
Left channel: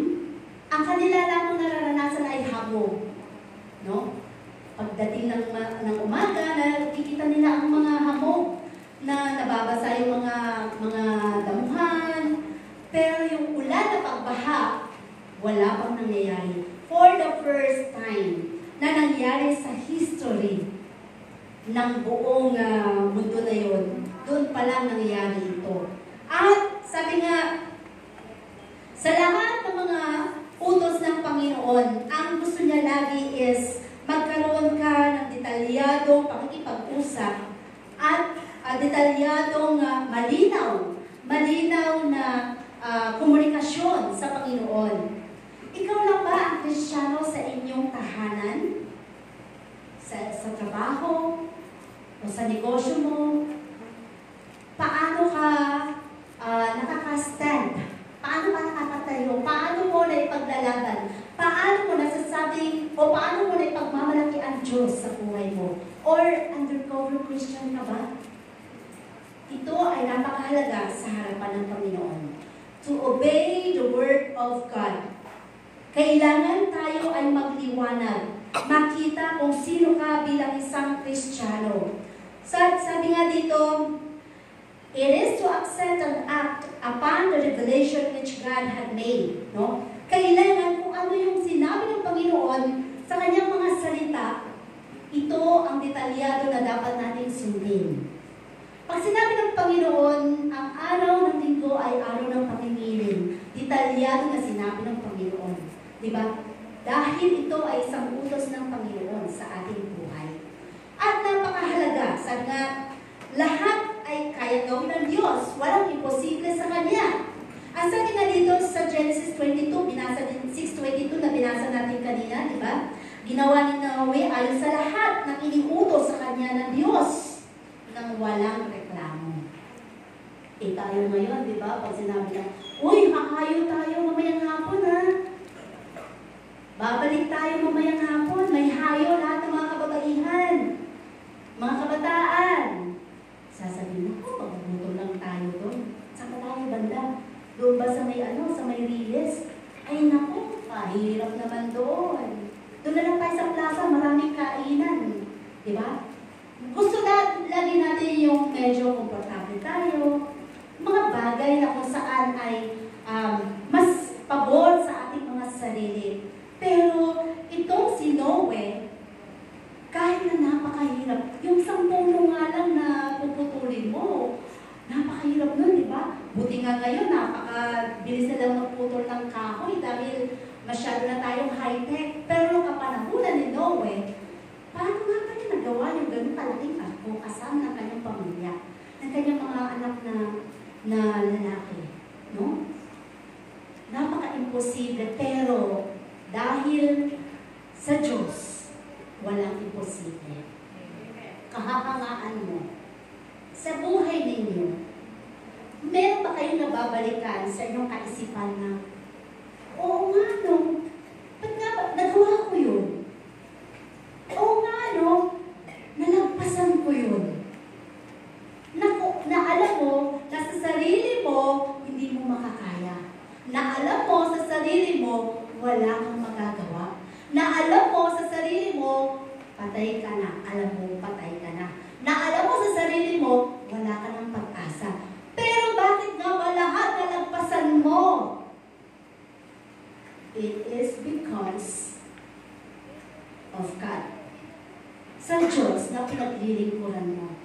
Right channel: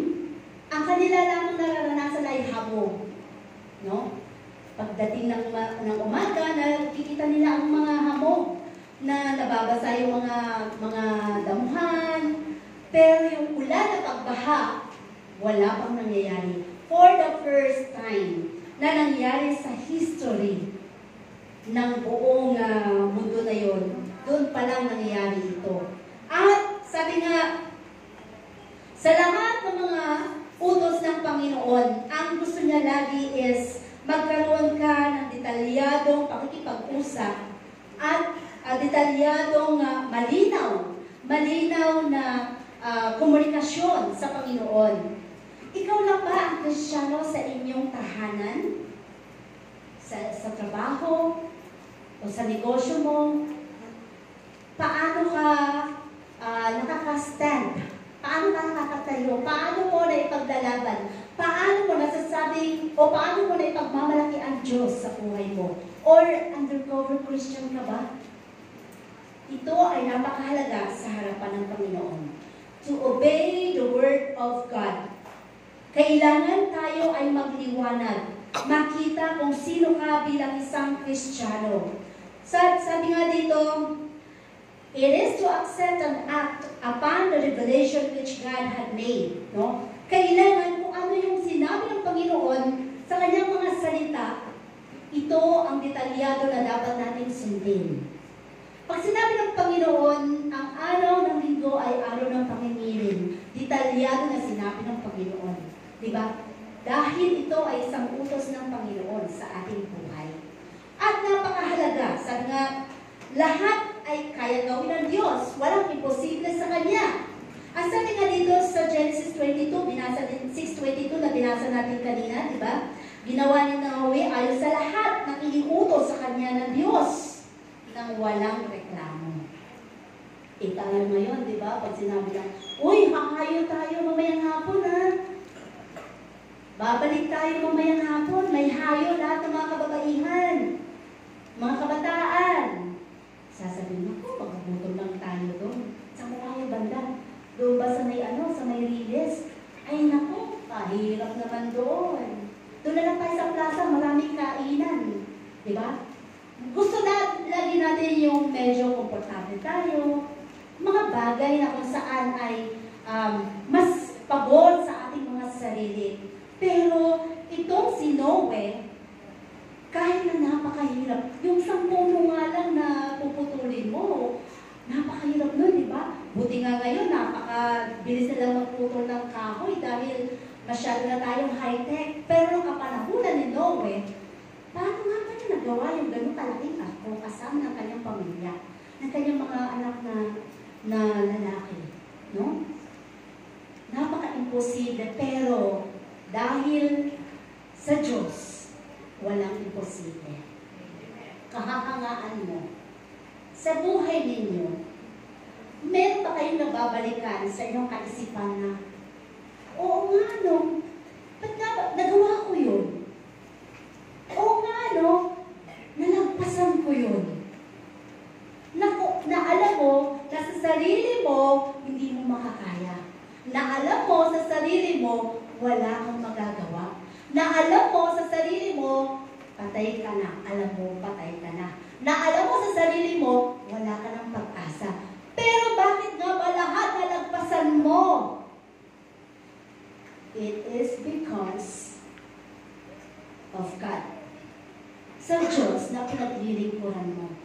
ang kanila lamang nararanasan ay hamog. No? Pagdating ng umaga, nakikita nila ang mga hamog na nababasa yung mga damuhan. Pero yung ulan na pagbaha, wala pang nangyayari. For the first time na nangyari sa history ng buong mundo na yun, doon pa lang nangyayari ito. At sabi nga, sa lahat ng mga utos ng Panginoon, ang gusto niya lagi is magkaroon ka ng detalyadong pakikipag-usap at detalyadong malinaw na komunikasyon sa Panginoon. Ikaw lang ba ang Kristiyano sa inyong tahanan? Sa trabaho? O sa negosyo mo? Paano ka nakaka-stand? Paano ka nakakatayo? Paano mo na ipaglalaban? Paano mo nasasabing o paano mo na ipagmamalaki ang Diyos sa buhay mo? Or undercover Christian ka ba? Ito ay napakahalaga sa harapan ng Panginoon. To obey the Word of God. Kailangan tayo ay magliwanag. Makita kung sino ka bilang isang Kristiyano. Sabi nga dito, it is to accept and act upon the revelation which God had made. No? Kailangan kung ano yung sinabi ng Panginoon sa kanyang mga salita, ito ang detalyado na dapat nating sundin. Pag sinabi ng Panginoon, ang araw ng linggo ay araw ng pamimiling, detalyado na sinabi ng Panginoon. Diba? Dahil ito ay isang utos ng Panginoon sa ating buhay. At napakahalaga, sabi nga, lahat ay kaya gawin ng Diyos. Walang imposible sa Kanya. Ang sabi nga dito sa Genesis 22, 6:22 na binasa natin kanina, di ba? Ginawa ni Noe ayon sa lahat na iniutos sa Kanya ng Diyos nang walang reklamo. Tayo ngayon, di ba? Pag sinabi na, uy, hakayo tayo mamayang hapon, ha? Babalik tayo mamayang hapon. May hayo lahat ng mga kababaihan. Mga kabataan. Sasabihin ko, pagbuto lang tayo doon. Saan tayo banda? Doon ba sa may Riles? Ay naku, kahirap naman doon. Doon na lang tayo sa plaza, maraming kainan. Diba? Gusto lagi natin yung medyo komportable tayo. Mga bagay na kung saan ay mas pabor sa ating mga sarili. Pero itong si Noe, kahit na napakahirap, yung 10 nga lang na puputulin mo, napakahirap nun, di ba? Buti nga ngayon, napakabilis na lang magputol ng kahoy dahil masyado na tayong high-tech. Pero nung kapanahunan ni Noe, paano nga kanya nagawa yung ganun kalaking ako kasama ng kanyang pamilya, ng kanyang mga anak na lalaki, no? Napaka-imposible, pero dahil sa Diyos, walang imposible. Kahahangaan mo. Sa buhay ninyo, meron ba kayong nababalikan sa inyong kaisipan na, oo nga no, ba't nga ba, nagawa ko yun? Oo nga no, nalagpasan ko yun. Naku, hindi mo makakaya. Na alam mo sa sarili mo, wala kang magagawa. Na alam mo sa sarili mo, patay ka na. Alam mo, patay ka na. Na alam mo sa sarili mo, wala ka ng pag-asa. Pero bakit nga ba lahat nalagpasan mo? It is because of God. Sa Diyos na pinaglilingkuran mo.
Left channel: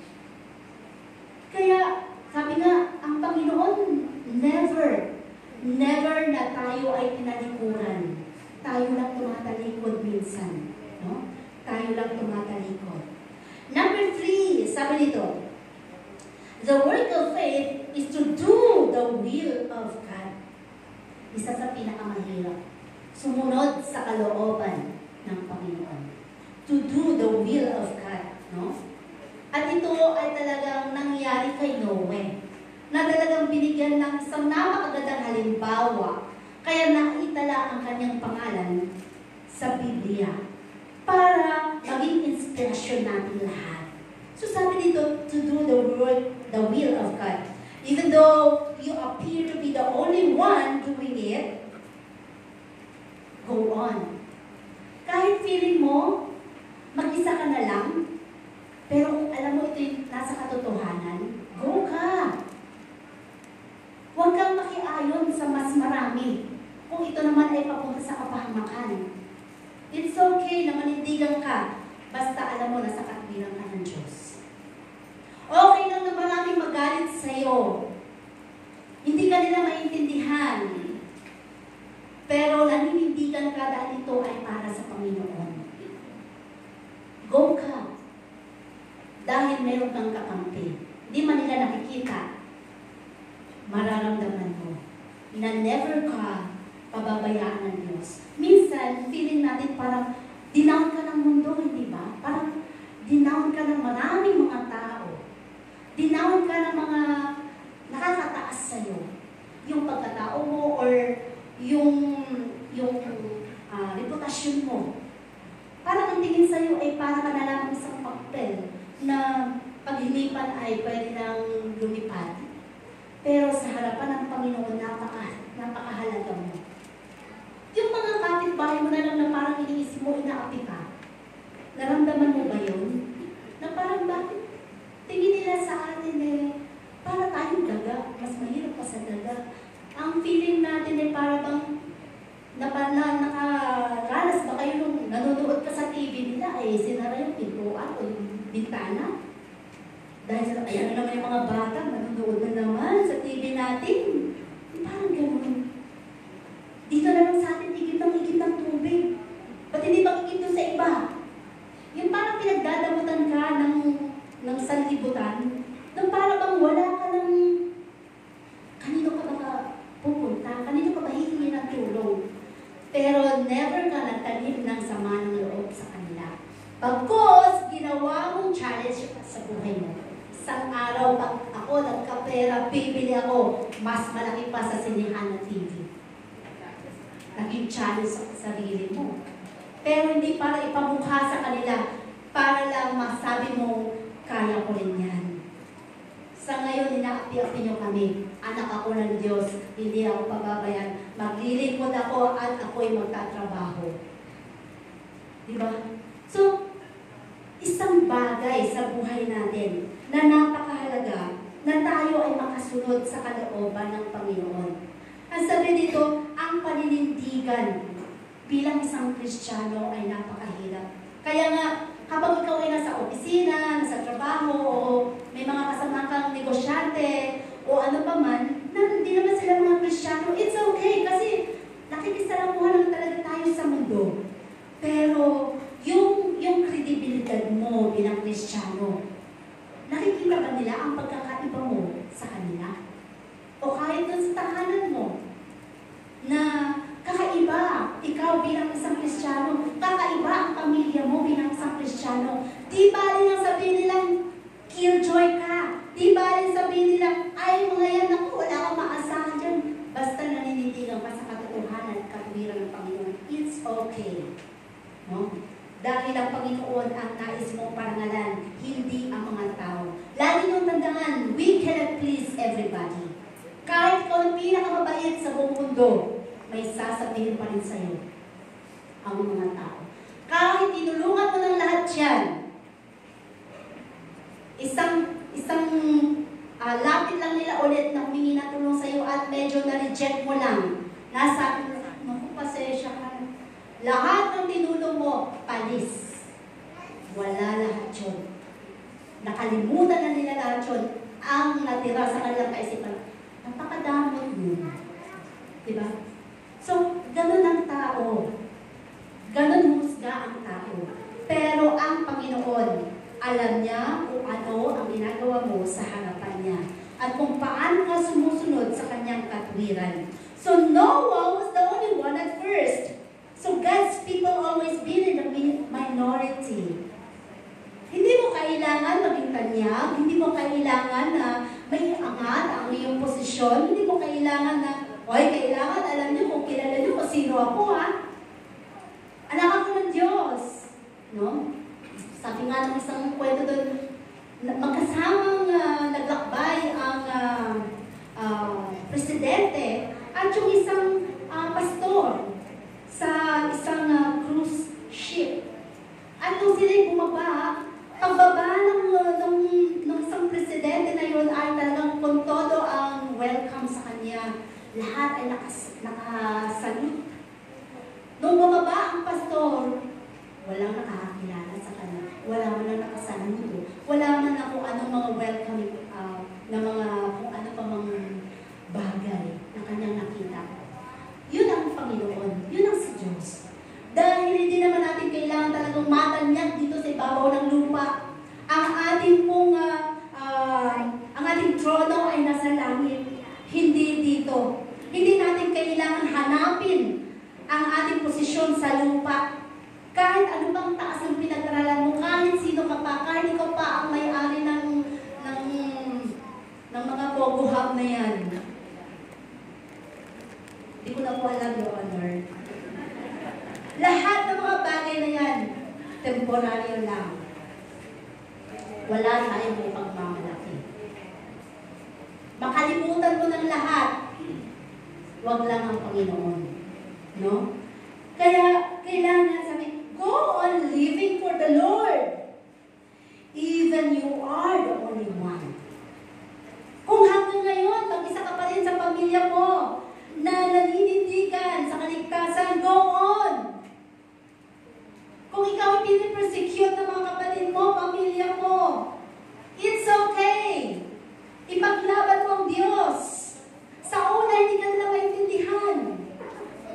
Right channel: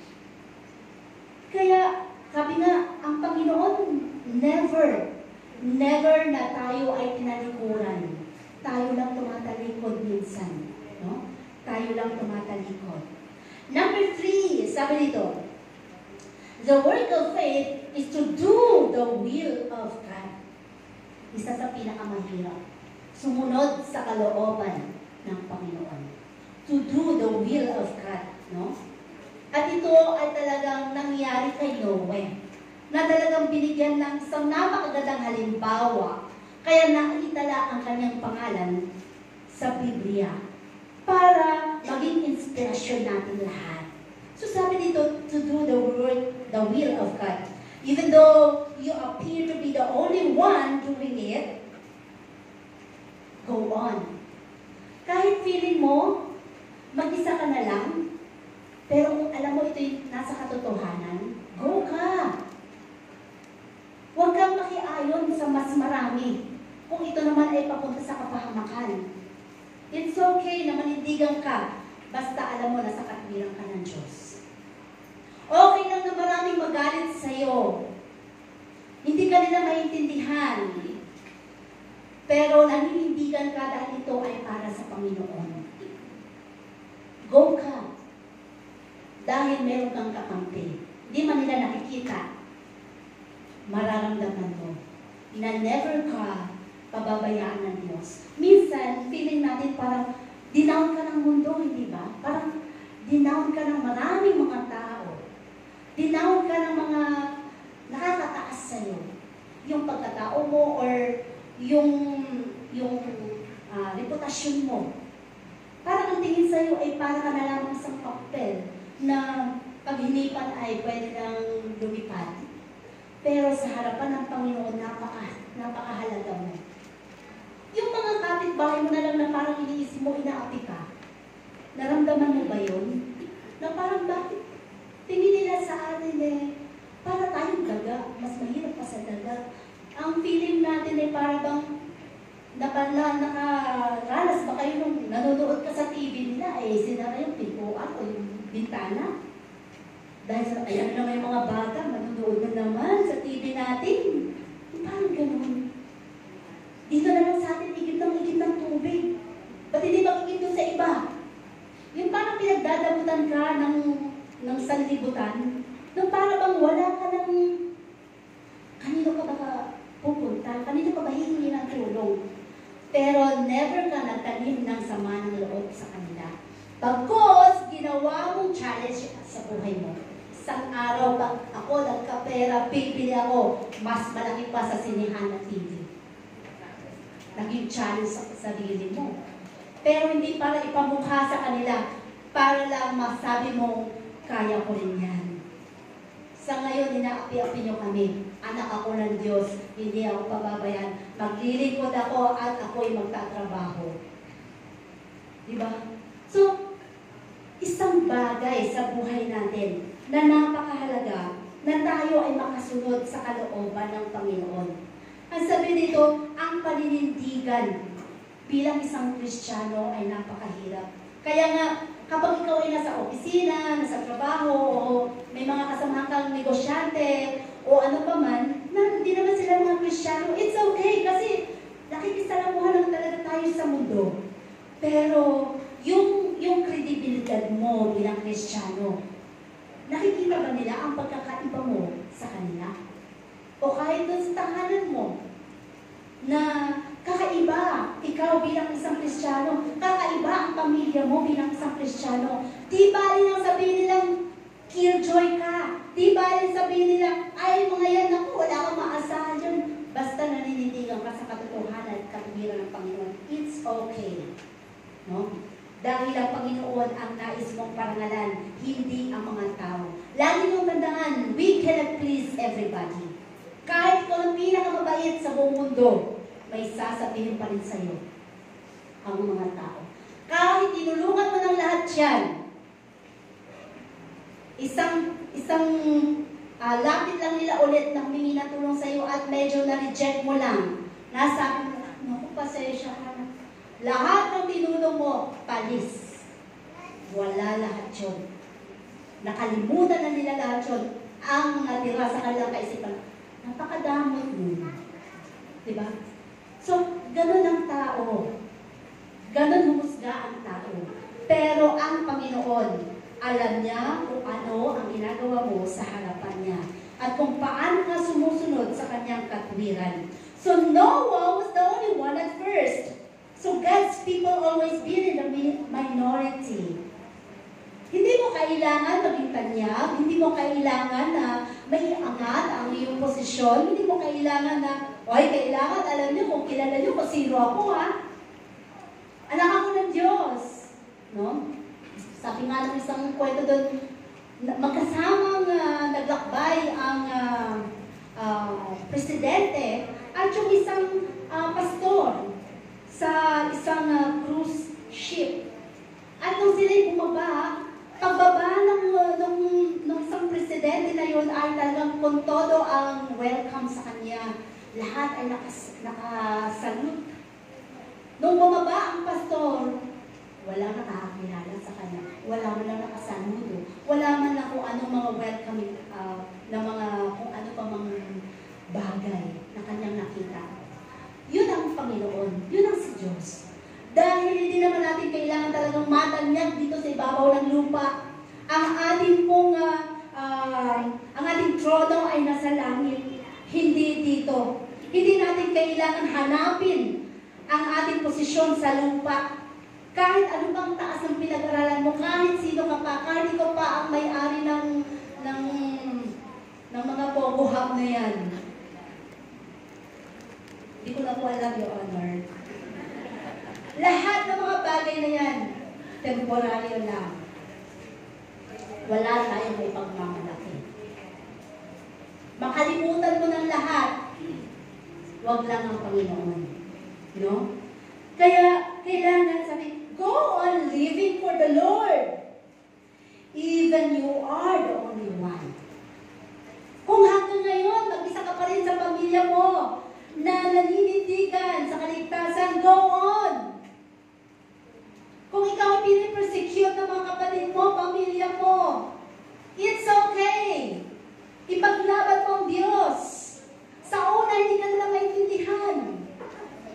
Kaya, sabi nga, ang Panginoon, never na tayo ay tinalikuran. Tayo lang tumatalikod minsan. No? Tayo lang tumatalikod. Number 3, sabi nito, the work of faith is to do the will of God. Isa sa pinakamahirap. Sumunod sa kalooban ng Panginoon. To do the will of God. No? At ito ay talagang nangyari kay Noe. Na talagang binigyan ng isang napakagandang halimbawa. Kaya naitala ang kanyang pangalan sa Biblia. Para maging inspirasyon natin lahat. So sabi dito, to do the will of God. Even though you appear to be the only one doing it, go on. Kahit feeling mo, mag-isa ka na lang, pero alam mo ito yung nasa katotohanan, go ka. Huwag kang makiayon sa mas marami. Kung ito naman ay papunta sa kapahamakan. It's okay na manindigan ka, basta alam mo na sa katwiran ka ng Diyos. Okay lang na maraming magalit sa'yo. Hindi ka nila maintindihan. Pero naninindigan ka dahil ito ay para sa Panginoon. Go ka. Dahil meron kang kakampi. Hindi man nila nakikita. Mararamdaman mo na never ka pababayaan ng Diyos. Minsan, feeling natin parang dinown ka ng mundo, hindi ba? Parang dinown ka ng maraming mga tao. Dinown ka ng mga nakakataas sa'yo. Yung pagkatao mo or yung reputasyon mo. Parang ang tingin sa'yo ay para na lang isang papel na paghinipan ay pwede nang lumipad. Pero sa harapan ng Panginoon, napakahalaga mo. Yung mga kapitbahay mo na lang na parang iniisip mo, inaapi ka. Naramdaman mo ba yun? Na parang bakit tingin nila sa atin para tayong daga, mas mahirap pa sa daga. Ang feeling natin para bang nakaranas ba kayo nung nanonood ka sa TV nila, sinara yung pintuan o yung bintana. Dahil sa, ayan naman yung mga bata, nanonood na naman sa TV natin. Parang gano'n. Dito na lang sa atin, igib ng tubig. Ba't hindi makikip doon sa iba? Yung parang pinagdadamutan ka ng sanlibutan, na parang bang wala ka ng kanino ka ba pupunta? Kanino ka ba hihingi ng tulong? Pero never ka nagtanim ng sama ng loob sa kanila. Pagkos, ginawa mong challenge sa buhay mo. Isang araw ako nagkapera, bibili ako, mas malaki pa sa sinihan na TV. Naging challenge sa sarili mo. Pero hindi para ipamukha sa kanila, para lang masabi mo, kaya ko rin yan. Sa ngayon, inaapi-api nyo kami. Anak ako ng Diyos, hindi ako pababayan. Maglilingkod ako at ako'y magtatrabaho. Diba? So, isang bagay sa buhay natin na napakahalaga na tayo ay makasunod sa kalooban ng Panginoon. Ang sabi dito, ang paninindigan bilang isang Kristiyano ay napakahirap. Kaya nga, kapag ikaw ay nasa opisina, nasa trabaho, o may mga kasama kang negosyante, o ano pa man, na hindi naman sila mga Kristiyano, it's okay kasi nakikisalamuhan lang talaga tayo sa mundo. Pero, yung kredibilidad mo bilang Kristiyano, nakikita ba nila ang pagkakaiba mo sa kanila? O kahit dun sa tahanan mo, na kakaiba, ikaw bilang isang Kristiyano, kakaiba ang pamilya mo bilang isang Kristiyano. Di ba rin ang sabihin nilang, killjoy ka. Di ba rin sabihin nilang, ay mga yan, ako, wala kang maasahan dyan. Basta naninindigan ka sa katotohanan at katwiran ng Panginoon. It's okay. No? Dahil ang Panginoon ang nais mong parangalan, hindi ang mga tao. Lagi niyong tandaan, we cannot please everybody. Kahit mundo, may sasabihin pa rin sa'yo ang mga tao. Kahit tinulungan mo ng lahat yan, isang lapit lang nila ulit na humingi na tulong sa'yo at medyo na-reject mo lang. Nasabi mo, naku, pasensya ka. Lahat ng tinulong mo, palis. Wala lahat yun. Nakalimutan na nila lahat yun. Ang natira sa kanilang kaisipan, napakadamot mo. Diba? So, ganun ang tao. Ganun husga ang tao. Pero ang Panginoon, alam niya kung ano ang ginagawa mo sa harapan niya. At kung paano ka sumusunod sa kanyang katwiran. So Noah was the only one at first. So God's people always been in the minority. Hindi mo kailangan maging tanyag, hindi mo kailangan na may angat ang iyong posisyon, hindi mo kailangan na, kailangan alam niyo kung kilala niyo kung sino ako, ha? Anak ako ng Diyos. No? Sabi nga ng isang kwento doon, magkasamang naglakbay ang presidente at yung isang pastor sa isang cruise ship. At nung sila'y bumaba, pagbaba ng isang presidente na yun ay talagang kung todo ang welcome sa kanya. Lahat ay nakasalute. Nung bumaba ang pastor, walang nakakilala sa kanya. Wala man lang nakasaludo. Wala man na kung anong mga welcoming, na mga kung ano pa mga bagay na kanyang nakita. Yun ang Panginoon. Yun ang si Diyos. Dahil hindi naman natin kailangan talagang matanyag dito sa ibabaw ng lupa. Ang ating trono ay nasa langit. Hindi dito. Hindi natin kailangan hanapin ang ating posisyon sa lupa. Kahit ano bang taas ng pinag-aralan mo, kahit sino ka pa, kahit ikaw pa ang may-ari ng mga bogohab na yan. Hindi ko na po alam, Your Honor. Lahat ng mga bagay na yan, temporaryo lang. Wala tayong may pagmamalaki. Makalimutan mo ng lahat, wag lang ang Panginoon. No? Kaya, kailangan sabi, go on living for the Lord. Even you are the only one. Kung hanggang ngayon, mag-isa ka pa rin sa pamilya mo, na naninindigan sa kaligtasan, go on. Kung ikaw pinipersecute ng mga kapatid mo, pamilya mo, it's okay. Ipaglaban mo ang Diyos. Sa una, hindi ka nila maintindihan.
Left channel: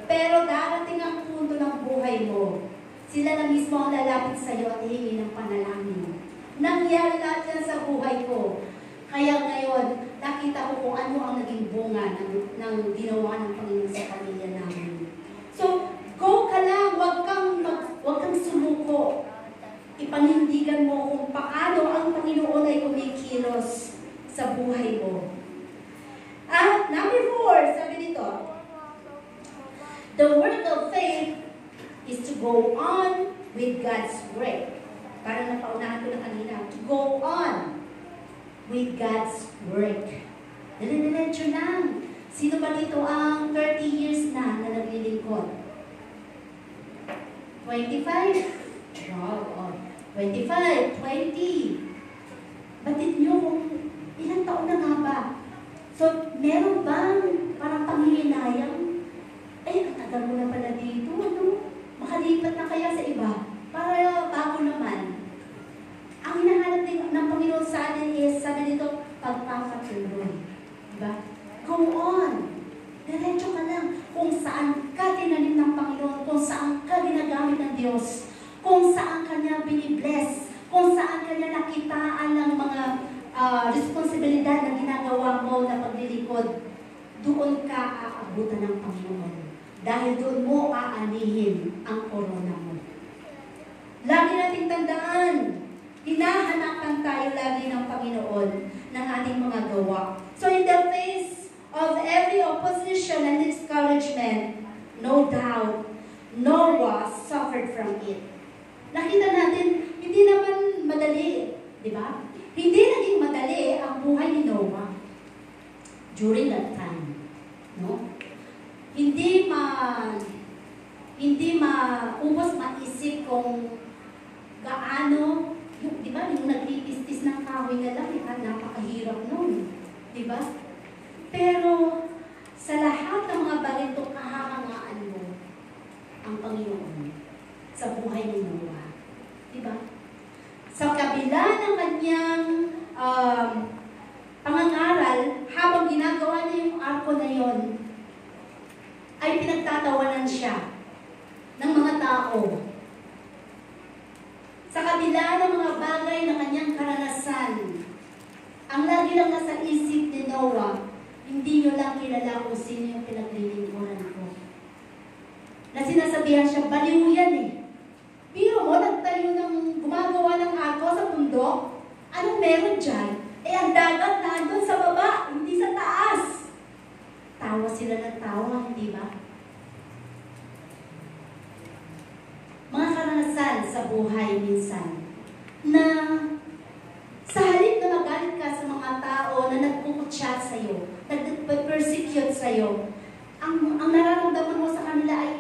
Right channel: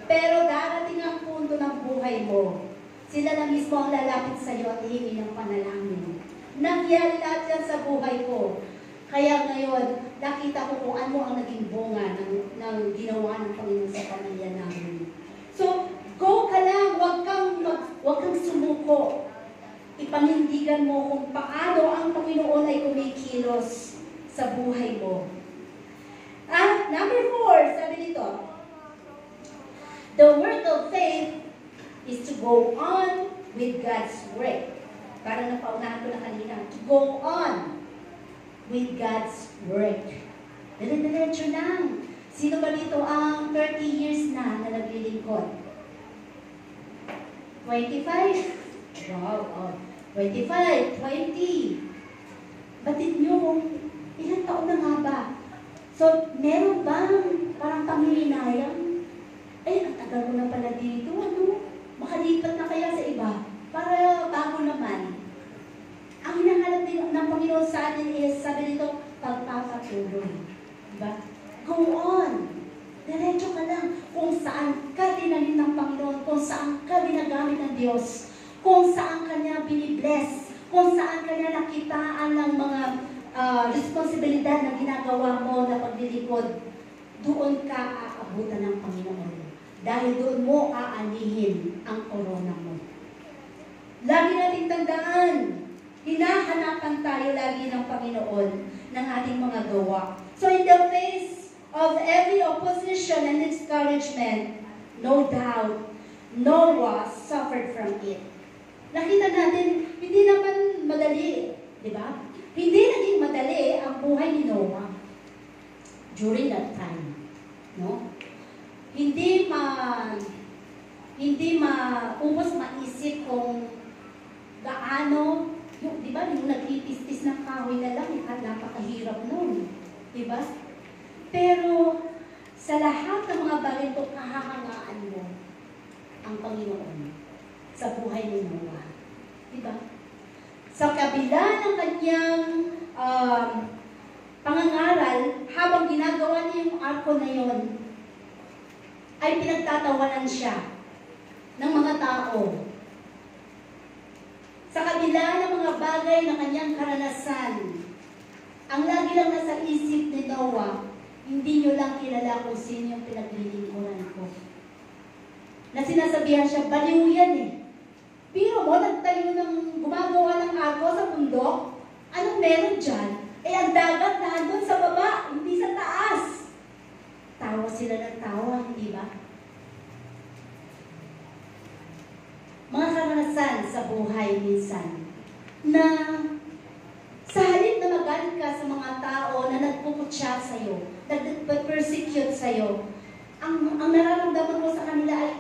Pero darating ang punto ng buhay mo, sila na mismo ang lalapit sa iyo at hihingi ng panalangin. Nangyari lahat yan sa buhay ko. Kaya ngayon, nakita ko kung ano ang naging bunga ng ginawa ng Panginoon sa pamilya namin. So, go ka lang, wag kang sumuko. Ipanindigan mo kung paano ang Panginoon ay kumikilos sa buhay mo. At number 4, sabi dito, the work of faith is to go on with God's work. Parang napaunahan ko na kanina. To go on with God's work. Dali-diretso lang. Sino ba dito ang 30 years na naglilingkod? 25? Wow. Oh. 25, 20. Batid nyo kung ilang taon na nga ba? So, meron bang parang panghihinayang? Katagal mo na pala dito. Makalipat na kaya sa iba? Para bago naman. Ang hinahanap din ng Panginoon sa atin is, sabi dito, pagpapatuloy. Diba? Go on. Diretso ka lang. Kung saan ka tinanim ng Panginoon, kung saan ka ginagamit ng Diyos, kung saan ka niya binibless, kung saan ka niya nakitaan ng mga responsibilidad na ginagawa mo na paglilingkod, doon ka aabutan ng Panginoon. Dahil doon mo aanihin ang korona mo. Lagi nating tandaan, hinahanapan tayo lagi ng Panginoon ng ating mga gawa. So in the face of every opposition and discouragement, no doubt, Noah suffered from it. Nakita natin, hindi naman madali, di ba? Hindi naging madali ang buhay ni Noah during that time. No? hindi maubos maisip kung gaano, di ba, yung nagtitis-tis ng kahoy na lang, napakahirap nun. Di ba? Pero, sa lahat ng mga bagay ito, kahangaan mo ang Panginoon sa buhay ni Noah. Di ba? Sa kabila ng kanyang pangangaral, habang ginagawa niya yung arko na yon, ay pinagtatawanan siya ng mga tao. Sa kabila ng mga bagay na kanyang karanasan, ang lagi lang nasa isip ni Noah, hindi nyo lang kilala kung sino yung pinaglilingkuran ko. Na sinasabihan siya, baliw yan eh. Pero mo, nagtayo ng gumagawa ng arko sa bundok, ano meron dyan? Eh, ang dagat nandun sa baba, hindi sa taas. Tawa sila ng tawa, hindi ba? Mga karanasan sa buhay minsan, na sa halip na magalit ka sa mga tao na nagpuputya sa'yo, nagpe-persecute sa'yo, ang nararamdaman mo sa kanila ay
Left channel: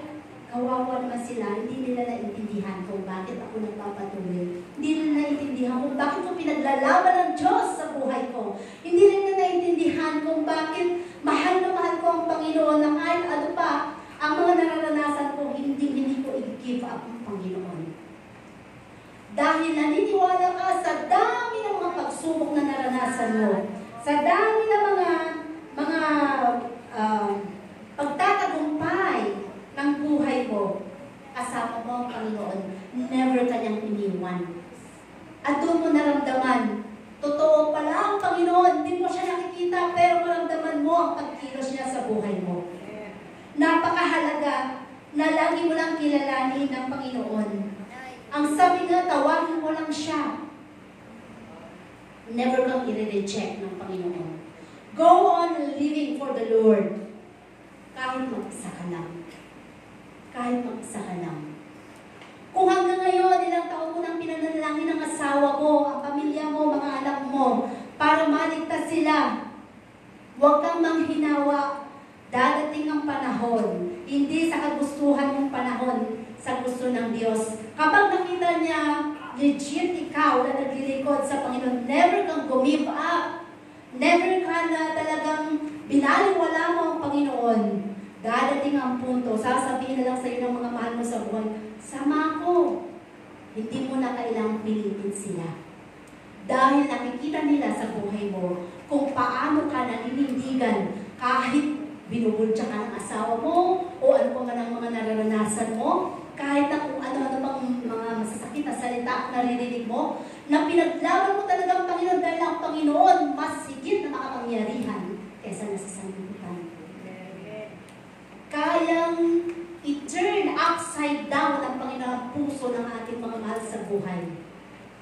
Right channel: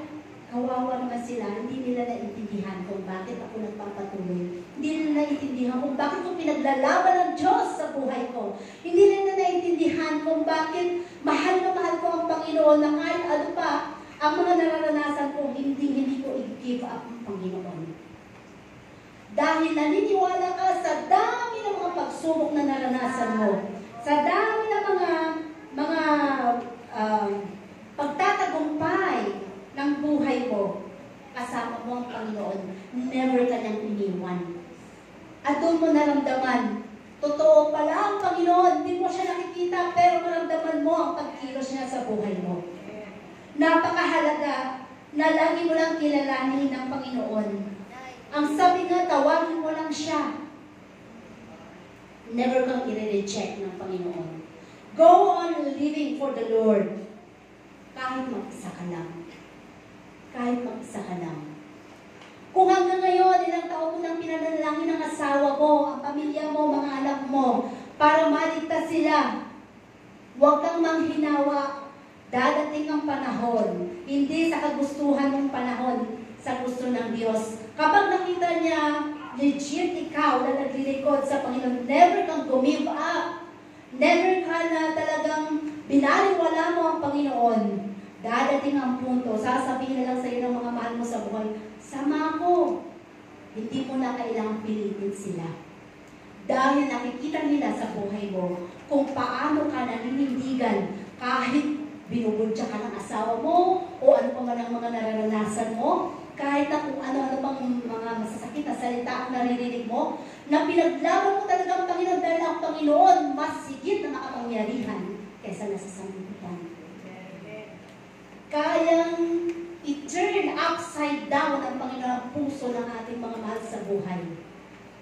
kawawa naman sila, hindi nila naintindihan kung bakit ako nagpapatuloy. Hindi nila naintindihan kung bakit ko pinaglalaban ng Diyos sa buhay ko. Hindi nila naintindihan kung bakit mahal na mahal ko ang Panginoon na kahit ano pa, ang mga nararanasan ko, hindi ko i-give up ang Panginoon. Dahil naniniwala ka sa dami ng mga pagsubok na naranasan mo, sa dami ng mga pagtatagumpay ng buhay mo, kasama mo ang Panginoon, never ka niyang iniwan. At doon mo naramdaman, totoo pala ang Panginoon, hindi mo siya nakikita, pero maramdaman mo ang pagkilos niya sa buhay mo. Napakahalaga na lagi mo lang kilalanin ng Panginoon. Ang sabi nga, tawagin mo lang siya. Never kang i-reject ng Panginoon. Go on living for the Lord. Kahit mag-isa ka lang. Kahit mag-isa ka lang. Kung hanggang ngayon, ilang taon mo lang pinanalangin ng asawa mo, ang pamilya mo, mga anak mo, para maligtas sila, huwag kang manghinawa. Dadating ang panahon, hindi sa kagustuhan ng panahon, sa gusto ng Diyos. Kapag nakita niya, legit ikaw na naglilingkod sa Panginoon, never kang give up. Never ka na talagang binaliwala mo ang Panginoon. Dadating ang punto, sasabihin na lang sa iyo ng mga mahal mo sa buwan, sama ko. Hindi mo na kailangang pilitin sila. Dahil nakikita nila sa buhay mo kung paano ka naninindigan kahit binubudya ka ng asawa mo o ano pa man ang mga nararanasan mo, kahit na kung ano-ano pang mga masasakit na salita at naririnig mo, na pinaglaban mo talaga ang Panginoon dahil ang Panginoon mas higit na makapangyarihan kaysa nasasanlibutan. Kayang i-turn upside down ang Panginoon ang puso ng ating mga mahal sa buhay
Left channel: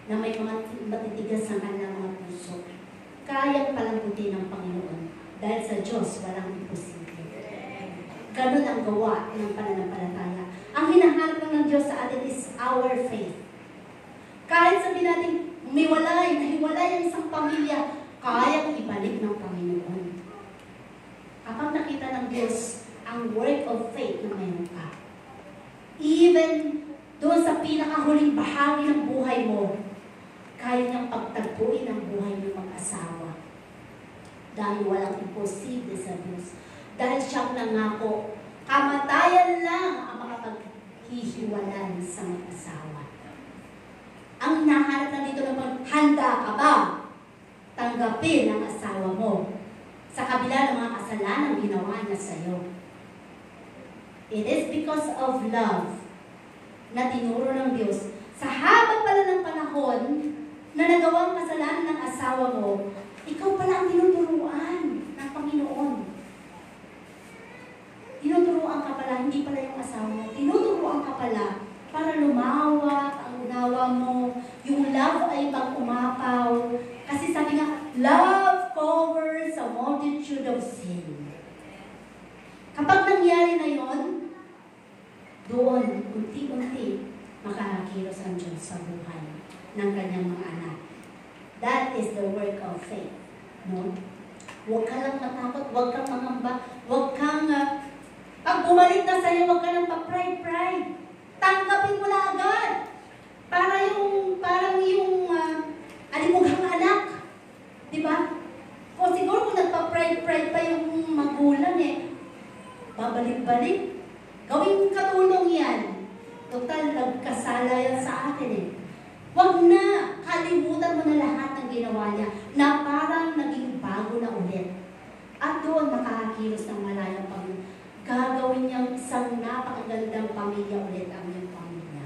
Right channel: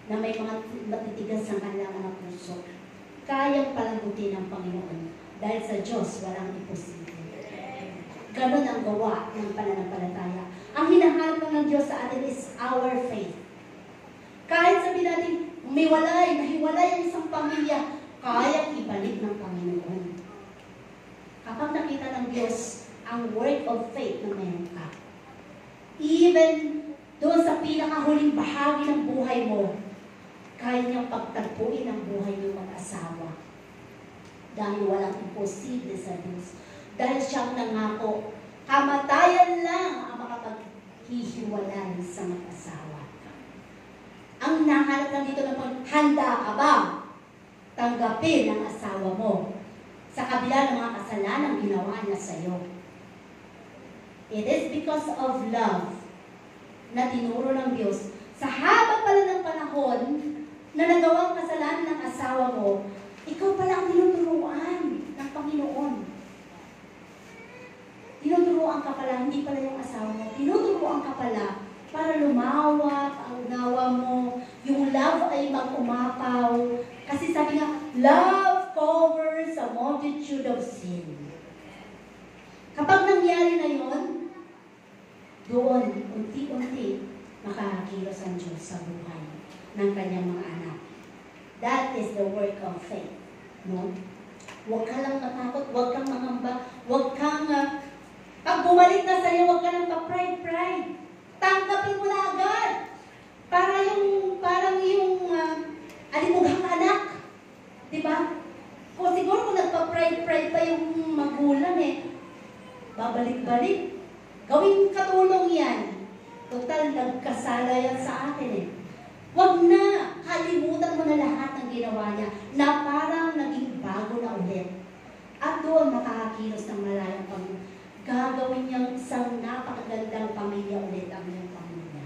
na may mga matitigas ang kanilang mga puso. Kayang palangutin ng Panginoon dahil sa Diyos walang imposible. Ganon ang gawa ng pananampalataya. Ang hinahanap ng Diyos sa atin is our faith. Kahit sabihin natin, nahiwalay ang isang pamilya, kayang ibalik ng Panginoon. Kapag nakita ng Diyos ang work of faith na meron ka, even doon sa pinakahuling bahagi ng buhay mo, kaya niyang pagtagpuin ang buhay ng mag-asawa. Dahil walang imposible sa Diyos. Dahil siyang nangako, kamatayan lang ang makapaghihiwalay sa mag-asawa. Ang nahanap na dito naman, handa ka ba tanggapin ang asawa mo sa kabila ng mga kasalanan ginawa niya sa iyo? It is because of love na tinuro ng Diyos. Sa haba pala ng panahon na nagawang kasalanan ng asawa mo, ikaw pala ang tinuturuan ng Panginoon. Tinuturuan ka pala, hindi pala yung asawa mo. Tinuturuan ka pala para lumawak ang unawa mo. Yung love ay mag-umapaw. Kasi sabi nga, love covers a multitude of sin. Kapag nangyari na yon, doon, unti-unti, makakilos ang Diyos sa buhay ng kanyang mga anak. That is the work of faith. No? Huwag ka lang matakot, huwag kang mangamba, huwag kang bumalik na sa'yo, huwag ka nang pa-pride. Tanggapin mo na agad. Parang yung alimughang anak. Di ba? Kung siguro kung nagpa-pride pa yung magulang babalik-balik. Gawing katulong yan. Total, nagkasala yan sa atin Huwag na, kalimutan mo na lahat ng ginawa niya na parang naging bago na ulit. At doon makakakilos ng malayang Panginoon. Gagawin niyang isang napakagandang pamilya ulit ang iyong pamilya.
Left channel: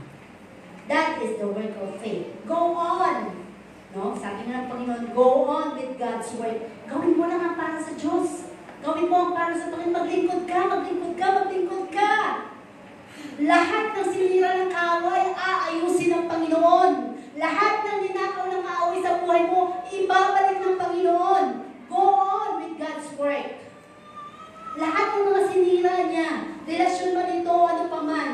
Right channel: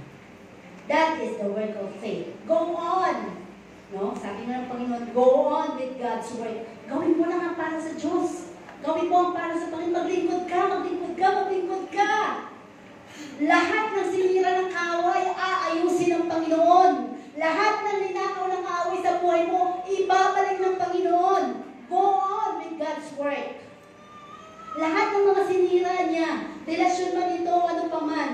That is the work of faith. Go on! No? Sabi nga ng Panginoon, go on with God's word. Gawin mo lang ang para sa Diyos. Gawin mo ang para sa Panginoon. Maglingkod ka. Lahat ng sinira ng away, aayusin ng Panginoon. Lahat ng ninakaw ng away sa buhay mo, ibabalik ng Panginoon. Go on with God's work. Lahat ng mga sinira niya, relasyon mo nito, ano pa man,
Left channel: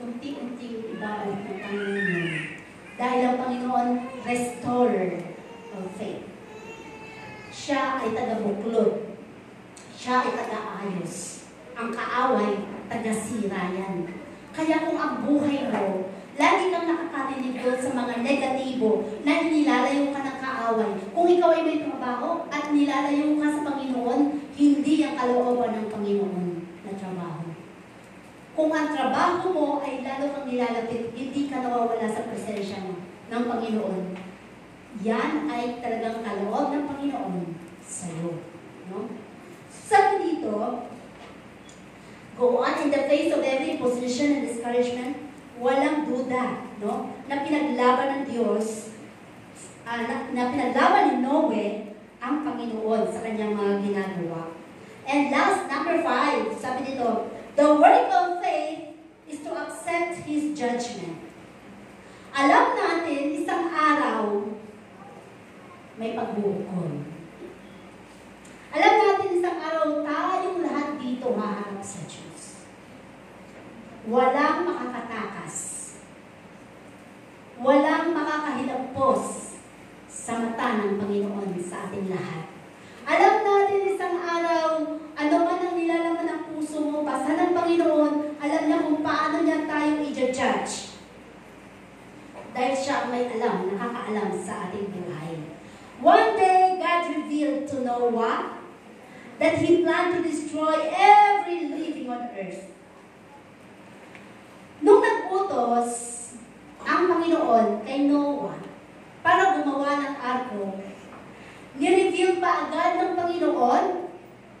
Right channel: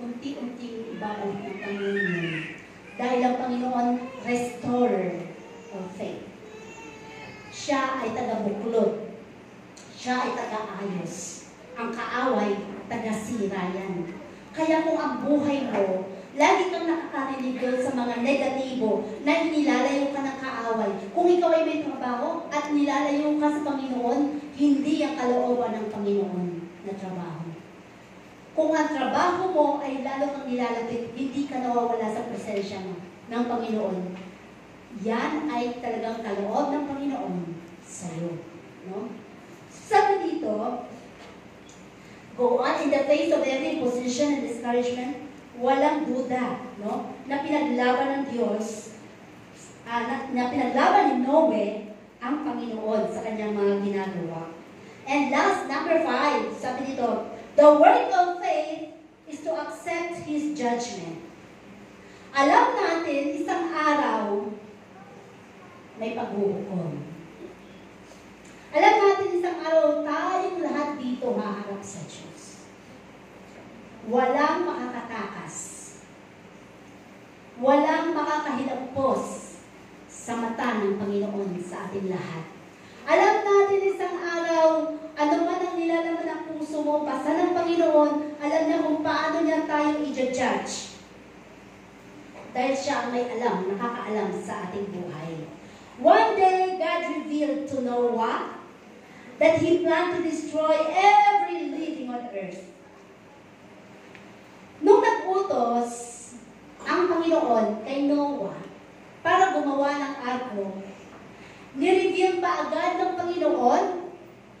unti-unting ibabalik ng Panginoon. Dahil ang Panginoon, restorer of faith. Siya ay taga-buklod. Siya ay taga-ayos. Ang kaaway, taga-sira yan. Kaya kung ang buhay mo, lagi kang nakakarinig doon sa mga negatibo na inilalayo ka ng kaaway. Kung ikaw ay may trabaho at nilalayo ka sa Panginoon, hindi ang kalooban ng Panginoon na trabaho. Kung ang trabaho mo ay lalo kang nilalapit, hindi ka nawawala sa presensya ng Panginoon. Yan ay talagang kaloob ng Panginoon sa'yo. No? Sabi dito, go on in the face of every opposition and discouragement, walang duda, no? Na pinaglaban ng Diyos, na pinaglaban ni Noe ang Panginoon sa kanyang mga ginagawa. And last, number 5, sabi dito, the work of faith is to accept His judgment. Alam natin, isang araw, may paghuhukom. Alam natin, isang araw, tayong lahat dito haharap sa Diyos. Walang makakatakas. Walang makakahilapos sa mata ng Panginoon sa ating lahat. Alam natin, isang araw, ano man ang nilalaman ng puso mo, basta ng Panginoon, alam niya kung paano niya tayong i-judge. Dahil siya ang may alam, nakakaalam sa ating buhay. One day, God revealed to Noah that He planned to destroy every living on earth. Nung nag-utos ang Panginoon kay Noah para gumawa ng arko, ni-reveal pa agad ng Panginoon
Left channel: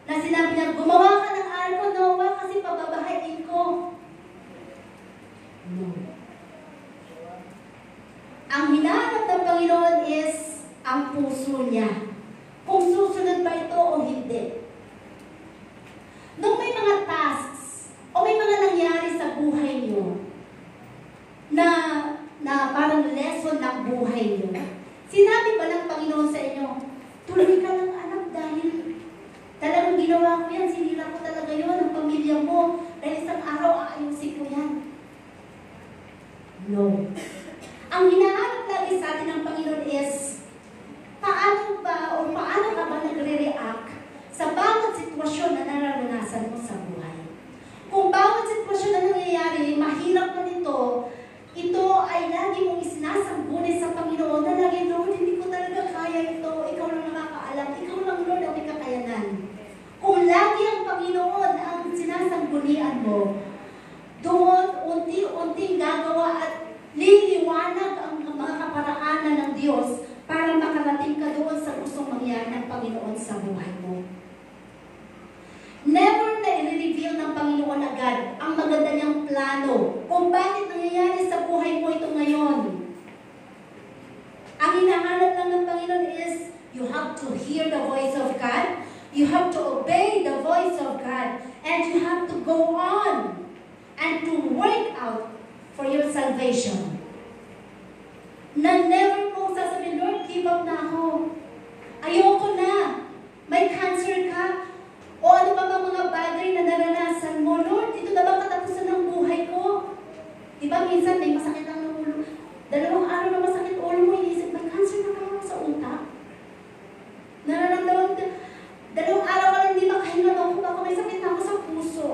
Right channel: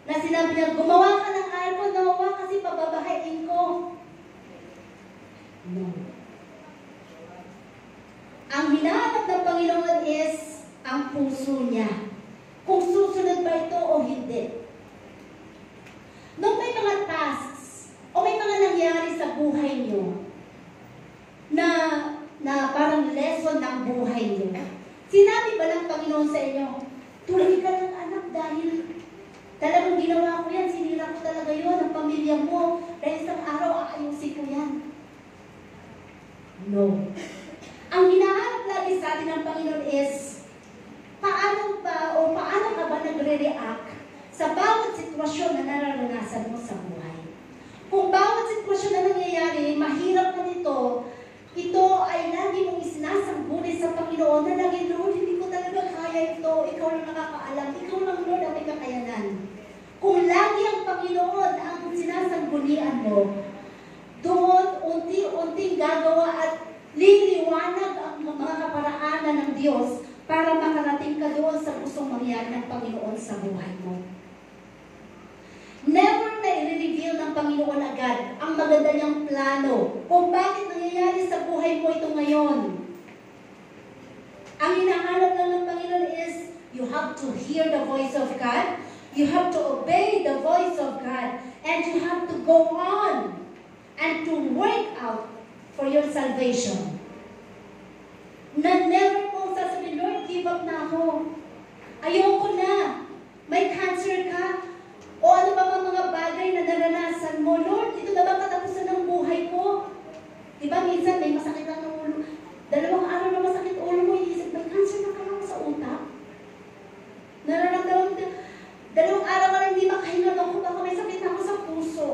na sinabi niya, gumawa ka ng arko, Noah, kasi pababahain ko. No. Ang hinahanap ng Panginoon is ang puso niya. Kung susunod ba ito o hindi. Nung may mga tasks o may mga nangyari sa buhay niyo na parang lesson ng buhay niyo, sinabi ba ng Panginoon sa inyo, tuloy ka ng anak dahil talagang ginawa ko yan, sinira ko talaga yun, ang pamilya mo, dahil isang araw aayusin ko yan. No. Ang hinahanap lagi sa atin ng Panginoon is, paano ka ba nagre-react sa bawat sitwasyon na nararanasan mo sa buhay? Kung bawat sitwasyon na nangyayari, mahirap mo ito ay lagi mong isinasangguni sa Panginoon na lagi, Lord, hindi ko talaga kaya ito, ikaw lang nakakaalam, ikaw lang, Lord, ang may kakayanan. Kung lagi ang Panginoon ang sinasanggunian mo, doon unti-unting gagawa at liliwanag ang mga kaparaanan ng Diyos para makarating ka doon sa gustong mangyari ng Panginoon sa buhay mo. Never na i-reveal ng Panginoon agad ang maganda niyang plano kung bakit nangyayari sa buhay mo ito ngayon. Ang hinahanap lang ng Panginoon is, you have to hear the voice of God, you have to obey the voice of God, and you have to go on and to work out for your salvation. Na never mo sasabihin, Lord, give up na ako. Ayoko na. May cancer ka. O ano pa mga bagay na naranasan mo, Lord, ito na ba katapusan ng buhay ko? Diba minsan may masakit lang ng ulo. 2 araw na masakit ulo mo, inisip, may cancer na pala sa utak. Nararamdaman mo, 2 araw ka lang hindi makahinga ako, baka may sakit na ako sa puso.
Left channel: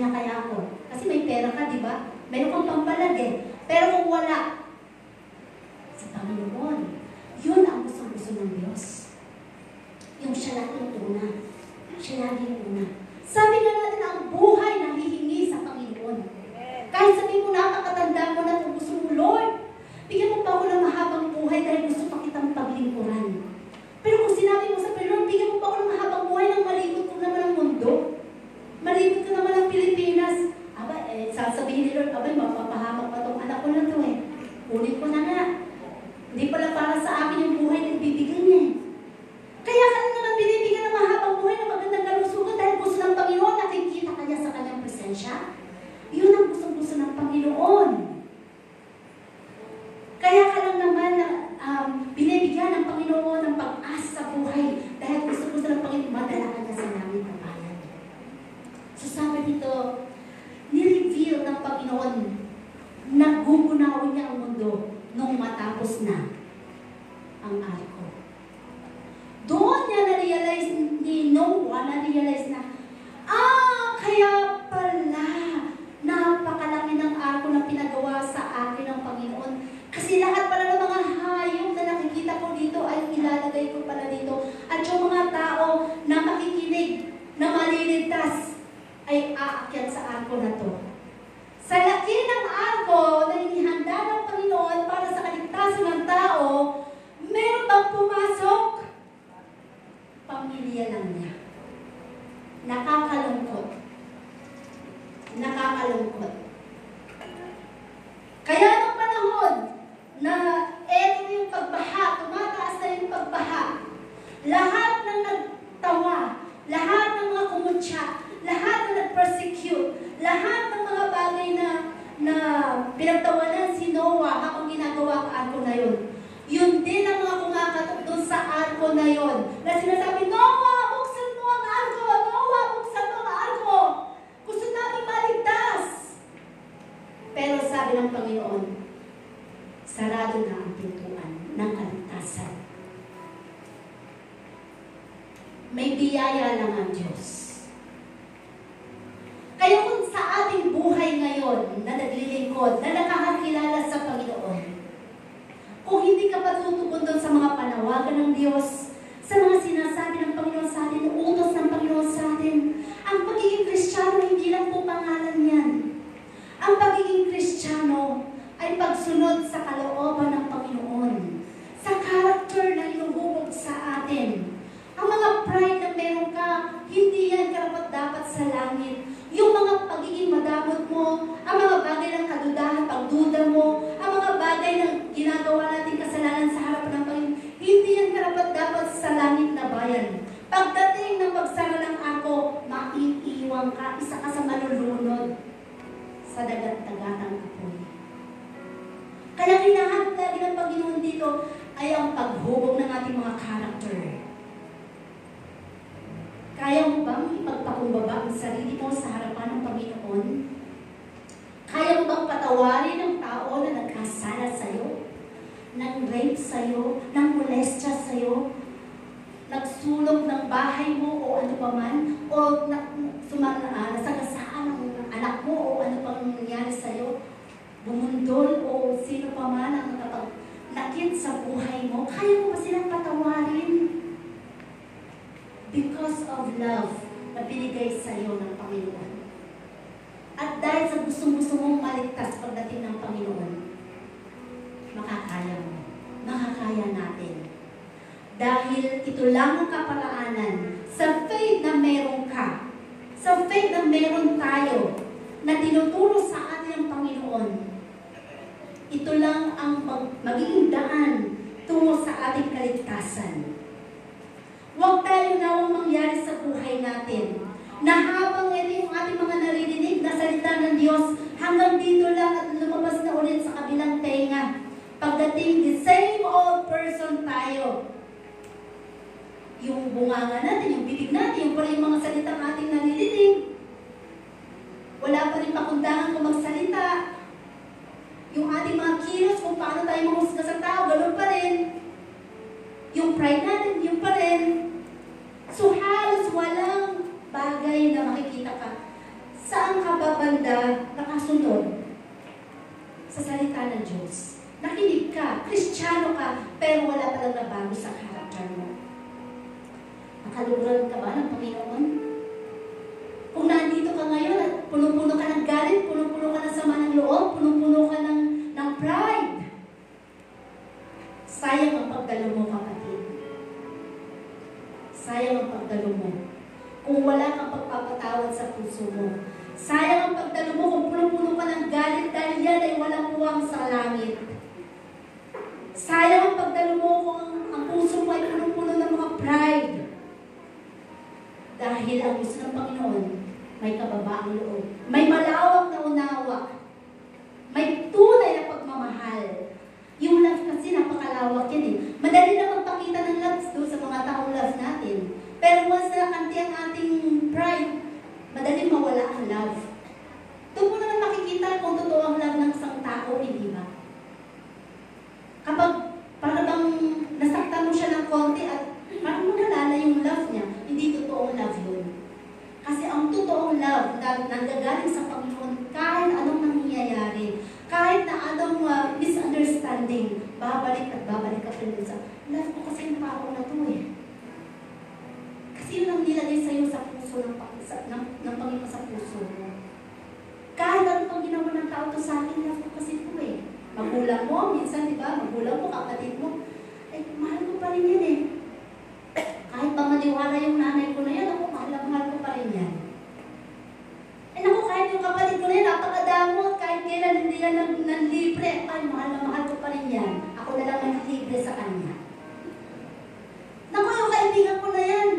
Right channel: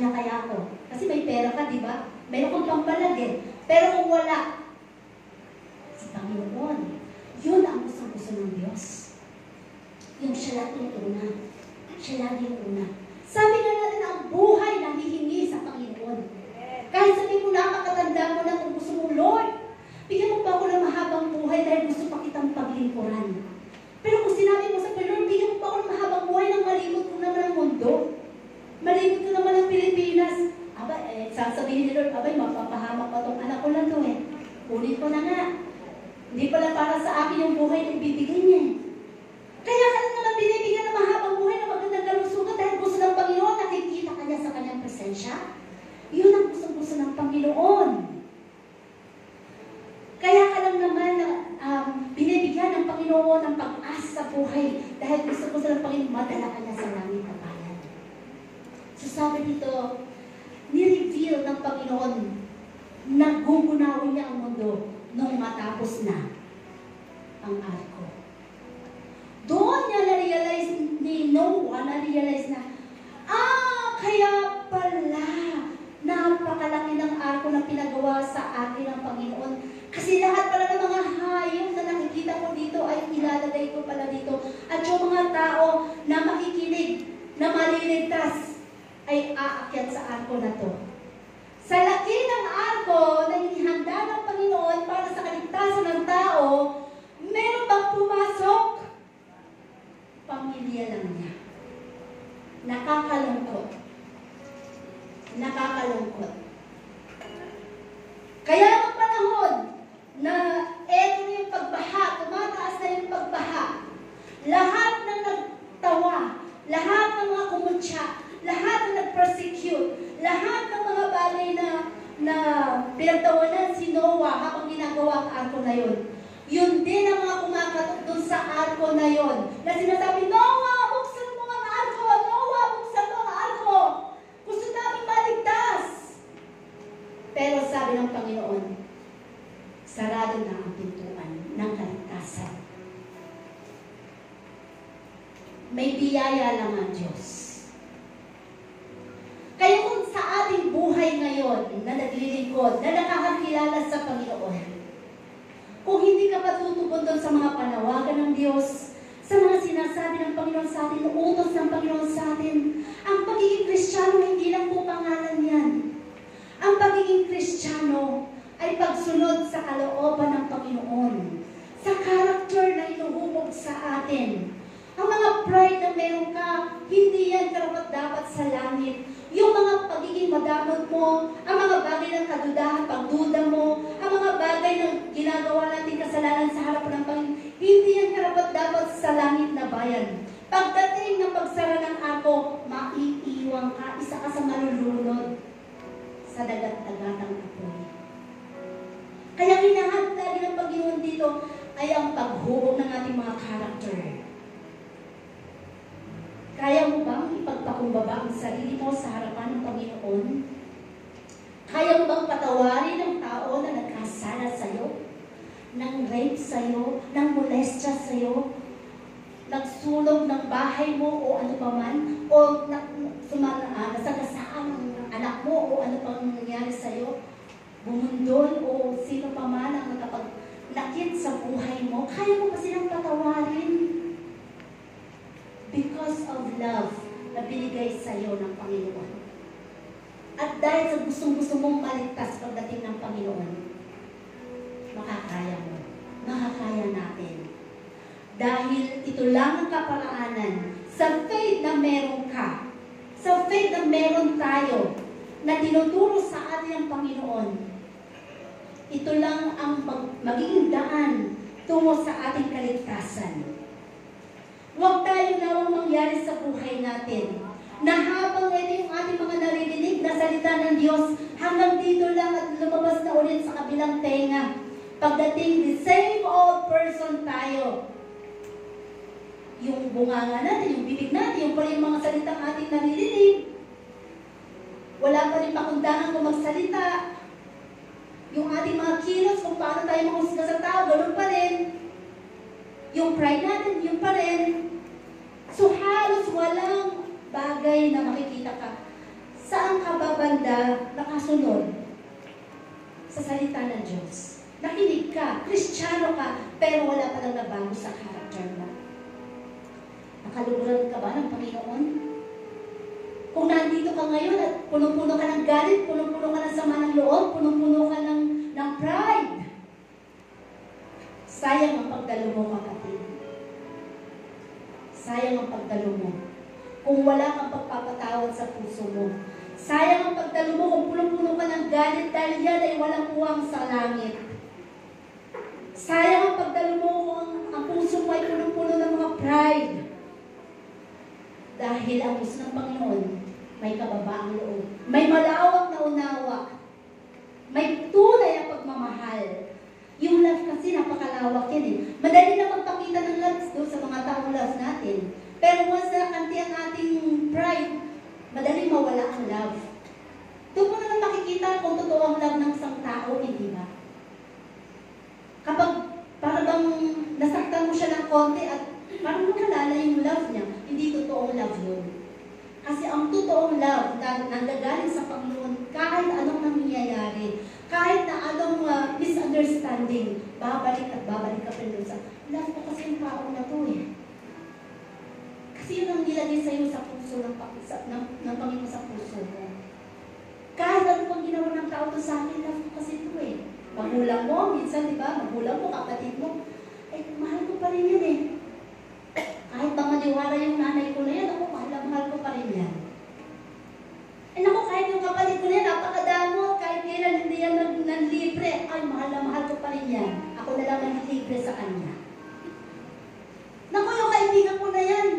Christian na kaya ako. Kasi may pera ka, di ba? Meron kang pampalag eh. Pero kung wala, si Panginoon, yun ang gusto ng Diyos. Yung siya lagi yung una. Siya lagi yung una. Sabi nga natin, ang buhay na hihingi sa Panginoon. Kahit sabihin mo napakatanda mo na kung gusto mo, Lord, bigyan mo pa ako ng mahabang buhay dahil gusto pa kitang paglingkuran. Pero kung sinabi mo sa Panginoon, bigyan mo pa ako ng mahabang buhay nang malibot ko naman ang mundo. Malibot ko naman ang Pilipinas. Aba, sasabihin ni Lord, abay, mapapahamak pa itong anak ko na ito eh. Kunin ko na nga. Hindi pala para sa akin yung buhay na ibibigay niya. Kaya ka naman binibigyan ng mahabang buhay na magandang kalusugan dahil gusto ng Panginoon, nakikita ka niya sa kanyang presensya. Yun ang gusto ng Panginoon. Kaya ka lang naman binibigyan ng Panginoon ng pag-asa sa buhay dahil gusto ng Panginoon, madala ka na sa langit na bayan. So sabi dito, ni-reveal ng Panginoon, nagugunawin niya ang mundo nung matapos na ang arko. Doon niya na-realize ni Noah, na-realize na, kaya pala, napakalaki ng arko na pinagawa sa akin ng Panginoon. Kasi lahat pala ng mga hayop na nakikita ko dito ay ilalagay ko pala dito. At yung mga tao na makikinig, na maliligtas, ay aakyat sa arko na to. Sa laki ng arko na inihanda ng Panginoon para sa kaligtasan ng tao, meron bang pumasok? Pamilya lang niya. Nakakalungkot. Nakakalungkot. Kaya ng panahon na eto yung pagbaha, tumataas na yung pagbaha, lahat ng nagtawa, lahat ng mga kumutya, lahat ng nag-persecute, lahat ng mga bagay na pinagtawanan si Noah habang ginagawa ang arko na yun. Yun din ang mga kumakatok doon sa arko na yun. Na sinasabi, Noah, buksan mo ang arko! Noah, buksan mo ang arko! Gusto namin maligtas! Pero sabi ng Panginoon, sarado na ang pintuan ng kaligtasan. May biyaya lang ang Diyos. Kaya kung sa ating buhay ngayon na naglilingkod, na nakakakilala sa Panginoon, kung hindi ka pa tutugon doon sa mga panawagan ng Diyos, sa mga sinasabi ng Panginoon sa atin, utos ng Panginoon sa atin, ang pagiging Kristiyano hindi lang po pangalan yan. Ang pagiging Kristiyano ay pagsunod sa kalooban ng Panginoon, sa character na inuhubog sa atin. Ang mga pride na meron ka, hindi yan karapat-dapat sa langit. Yung mga pagiging madamot mo, ang mga bagay ng kadudahan, pagduda mo, ang mga bagay na ginagawa natin kasalanan sa harapan ng Panginoon, hindi yan karapat-dapat sa langit na bayan. Pagdating ng pagsara ng arko, maiiwan ka, isa ka sa malulunod sa dagat-dagatang apoy. Kaya kailangan lagi ng Panginoon dito ay ang paghubog ng ating mga character. Kaya mo bang ipagpakumbaba ang sarili mo sa harapan ng Panginoon? Kaya mo bang patawarin ang tao na nagkasala sa'yo? Nang rape sa'yo? Nang molestya sa'yo? Nagsulog ng bahay mo o ano pa man? O nasagasaan ang anak mo o ano pang nangyari sa'yo? Bumundol o sino pa man ang nakapagnakit sa buhay mo? Kaya mo ba silang patawarin? Because of love na binigay sa iyo ng Panginoon. At dahil sa gustong-gusto mong maligtas pagdating ng Panginoon, makakaya mo. Makakaya natin. Dahil ito lang ang kaparaanan sa faith na meron ka, sa faith na meron tayo, na tinuturo sa atin ang Panginoon. Ito lang ang magiging daan tungo sa ating kaligtasan. Huwag tayo nawang mangyari sa buhay natin na habang ito yung ating mga naririnig na salita ng Diyos, hanggang dito lang at lumabas na ulit sa kabilang tenga. Pagdating the same old person tayo. Yung bunganga natin, yung bibig natin, yung pala yung mga salita ng ating naririnig. Wala pa rin pakundangan kung magsalita. Yung ating mga kilos, kung paano tayo mamusga sa tao, ganun pa rin. Yung pride natin, yun pa rin. So halos walang bagay na makikita ka Saan ka ba banda nakasunod? Sa salita ng Diyos. Nakinig ka, Kristiyano ka, pero wala palang nabago sa character mo. Nakaluguran ka ba ng Panginoon? Kung nandito ka ngayon at puno-puno ka ng galit, puno-puno ka ng sama ng loob, puno-puno ka ng pride, sayang ang pagdalo mo, kapatid. Sayang ang pagdalo mo. Kung wala kang pagpapatawad sa puso mo. Sayang ang pagdalo mo kung puno-puno ka ng galit dahil yan ay walang puwang sa langit. Sayang ang pagdalo mo kung ang puso mo ay puno-puno ng mga pride. Dahil ang gusto ng Panginoon, may kababaang loob. May malawak na unawa. May tunay na pagmamahal. Yung love kasi napakalawak yan eh. Madali na magpakita ng love doon sa mga taong love natin. Pero once na nakanti ang ating pride, madaling mawala ang love. Doon mo na makikita kung totoo ang love ng isang tao, hindi ba? Kapag parang nasaktan mo siya ng konti at parang nawala yung love niya, hindi totoong love yun. Kasi ang totoong love nanggagaling sa Panginoon, kahit anong nangyayari, kahit na anong misunderstanding, babalik at babalik ka rin sa love ko kasi yung tao na to eh. Kasi yun ang nilagay sa'yo sa puso ng Panginoon sa puso mo. Kahit ano pang ginawa ng tao to sa akin, love ko kasi ito eh. Magulang mo, minsan diba, magulang mo, kapatid mo, eh, mahal ko pa rin yan eh. Kahit pa maliwala yung nanay ko na yan, ako, mahal ko pa rin yan. Eh naku, kahit yung kapatid ko na yan, napakadamot, kahit kailan hindi yan nanlibre, ay, mahal ko pa rin yan. Ako na lang nanlibre sa kanya. Naku, yung kaibigan ko na yan,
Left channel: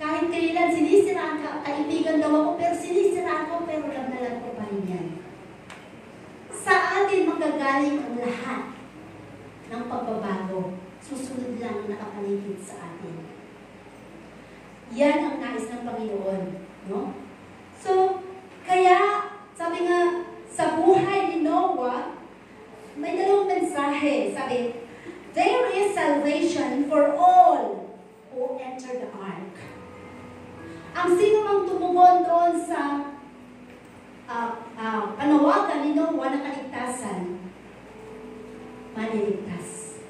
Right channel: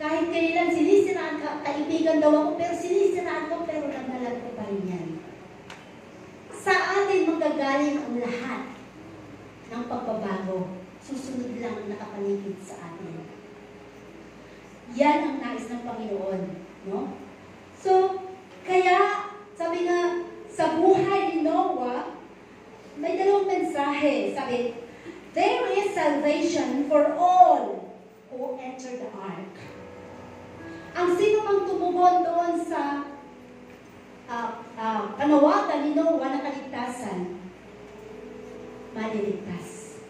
kahit kailan sinisiraan ka, kaibigan daw ako, pero sinisiraan ko, pero nagnalan ko pa rin yan. Sa atin magagaling ang lahat ng pagbabago. Susunod lang nakapaligid sa atin. Yan ang nais ng Panginoon. No? So, kaya, sabi nga, sa buhay ni Noah, may dalawang mensahe. Sabi, there is salvation for all who enter the ark. Ang sino mang tumugon doon sa panawagan ni Noah na kaligtasan, maliligtas.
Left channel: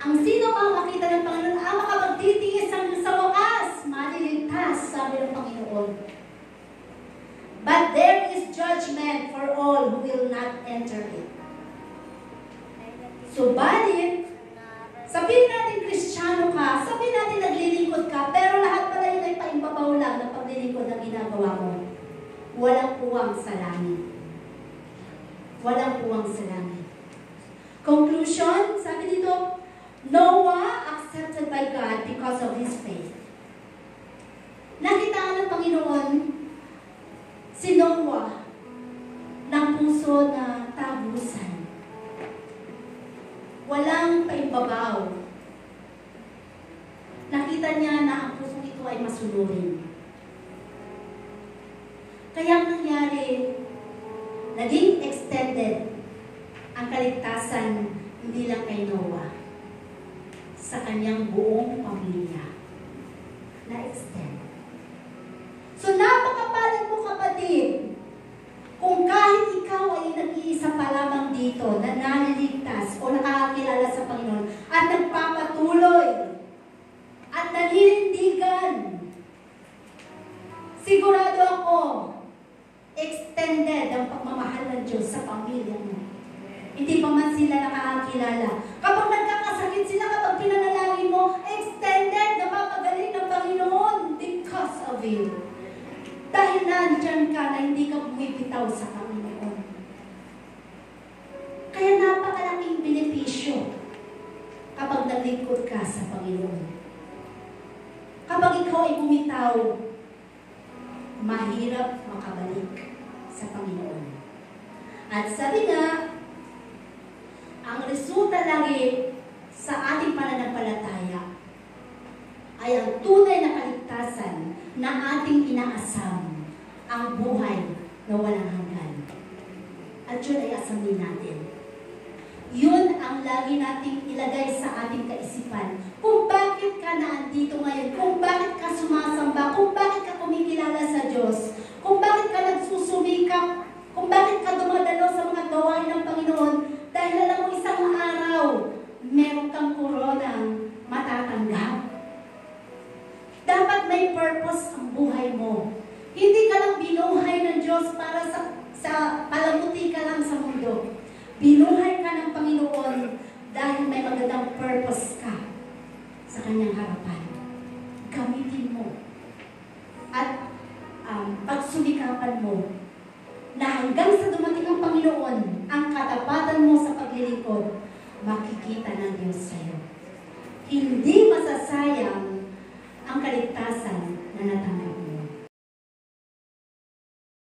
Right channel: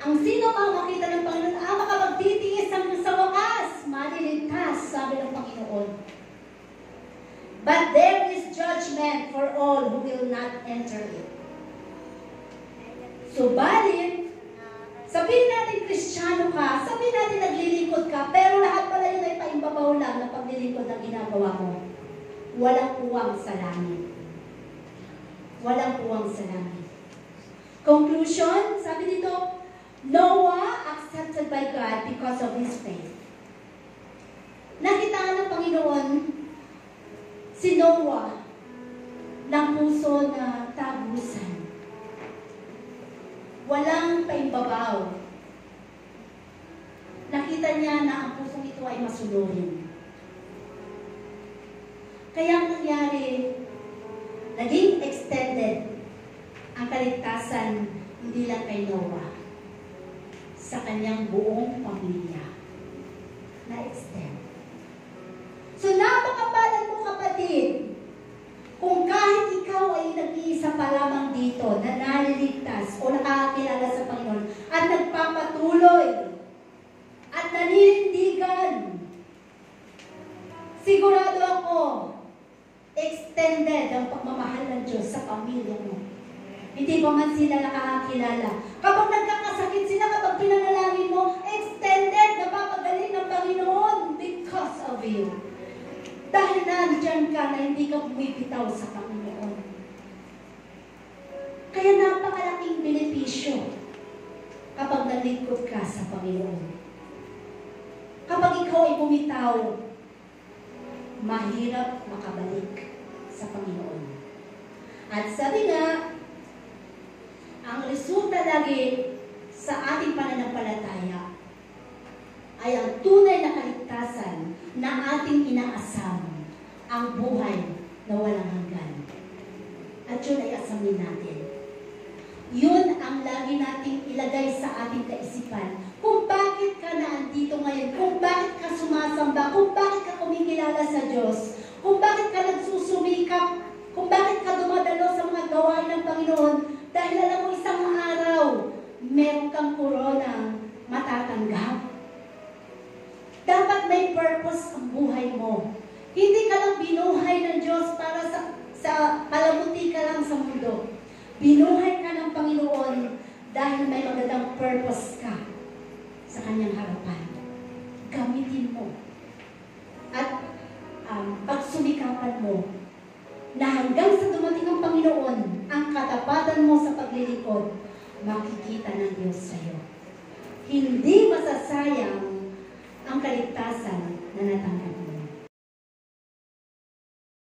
Ang sino mang makita ng Panginoon, makapagtitiis sa wakas, maliligtas, sabi ng Panginoon. But there is judgment for all who will not enter it. Subalit, sabihin natin Kristiyano ka, sabihin natin naglilingkod ka, pero lahat pala yun ay paimbabaw lang na paglilingkod na ginagawa mo. Walang puwang sa langit. Walang puwang sa langit. Conclusion, sabi dito, Noah accepted by God because of his faith. Nakita ng Panginoon si Noah ng puso na tagusan. Walang paimbabaw. Nakita niya na ang pusong ito ay masunurin. Kaya nangyari, naging extended ang kaligtasan hindi lang kay Noah, sa kanyang buong pamilya. Na-extend. So napakapalad mo, kapatid, kung kahit ikaw ay nag-iisa pa lamang dito na naliligtas o nakakakilala sa Panginoon at nagpapatuloy at naninindigan, sigurado ako, extended ang pagmamahal ng Diyos sa pamilya mo. Hindi pa man sila nakakakilala. Kapag nagkakasakit sila, kapag pinanalangin mo, extended, napapagaling ng Panginoon because of you. Dahil nandyan ka na hindi ka bumibitaw sa Panginoon. Kaya napakalaking benepisyo kapag nalingkod ka sa Panginoon. Kapag ikaw ay bumitaw, mahirap makabalik sa Panginoon. At sabi nga, ang resulta lagi sa ating pananampalataya ay ang tunay na kaligtasan na ating inaasam, ang buhay na walang hanggan. At yun ay asamin natin. Yun ang lagi nating ilagay sa ating kaisipan. Kung bakit ka naandito ngayon, kung bakit ka sumasamba, kung bakit ka kumikilala sa Diyos, kung likod, makikita ng Diyos sa'yo. Hindi masasayang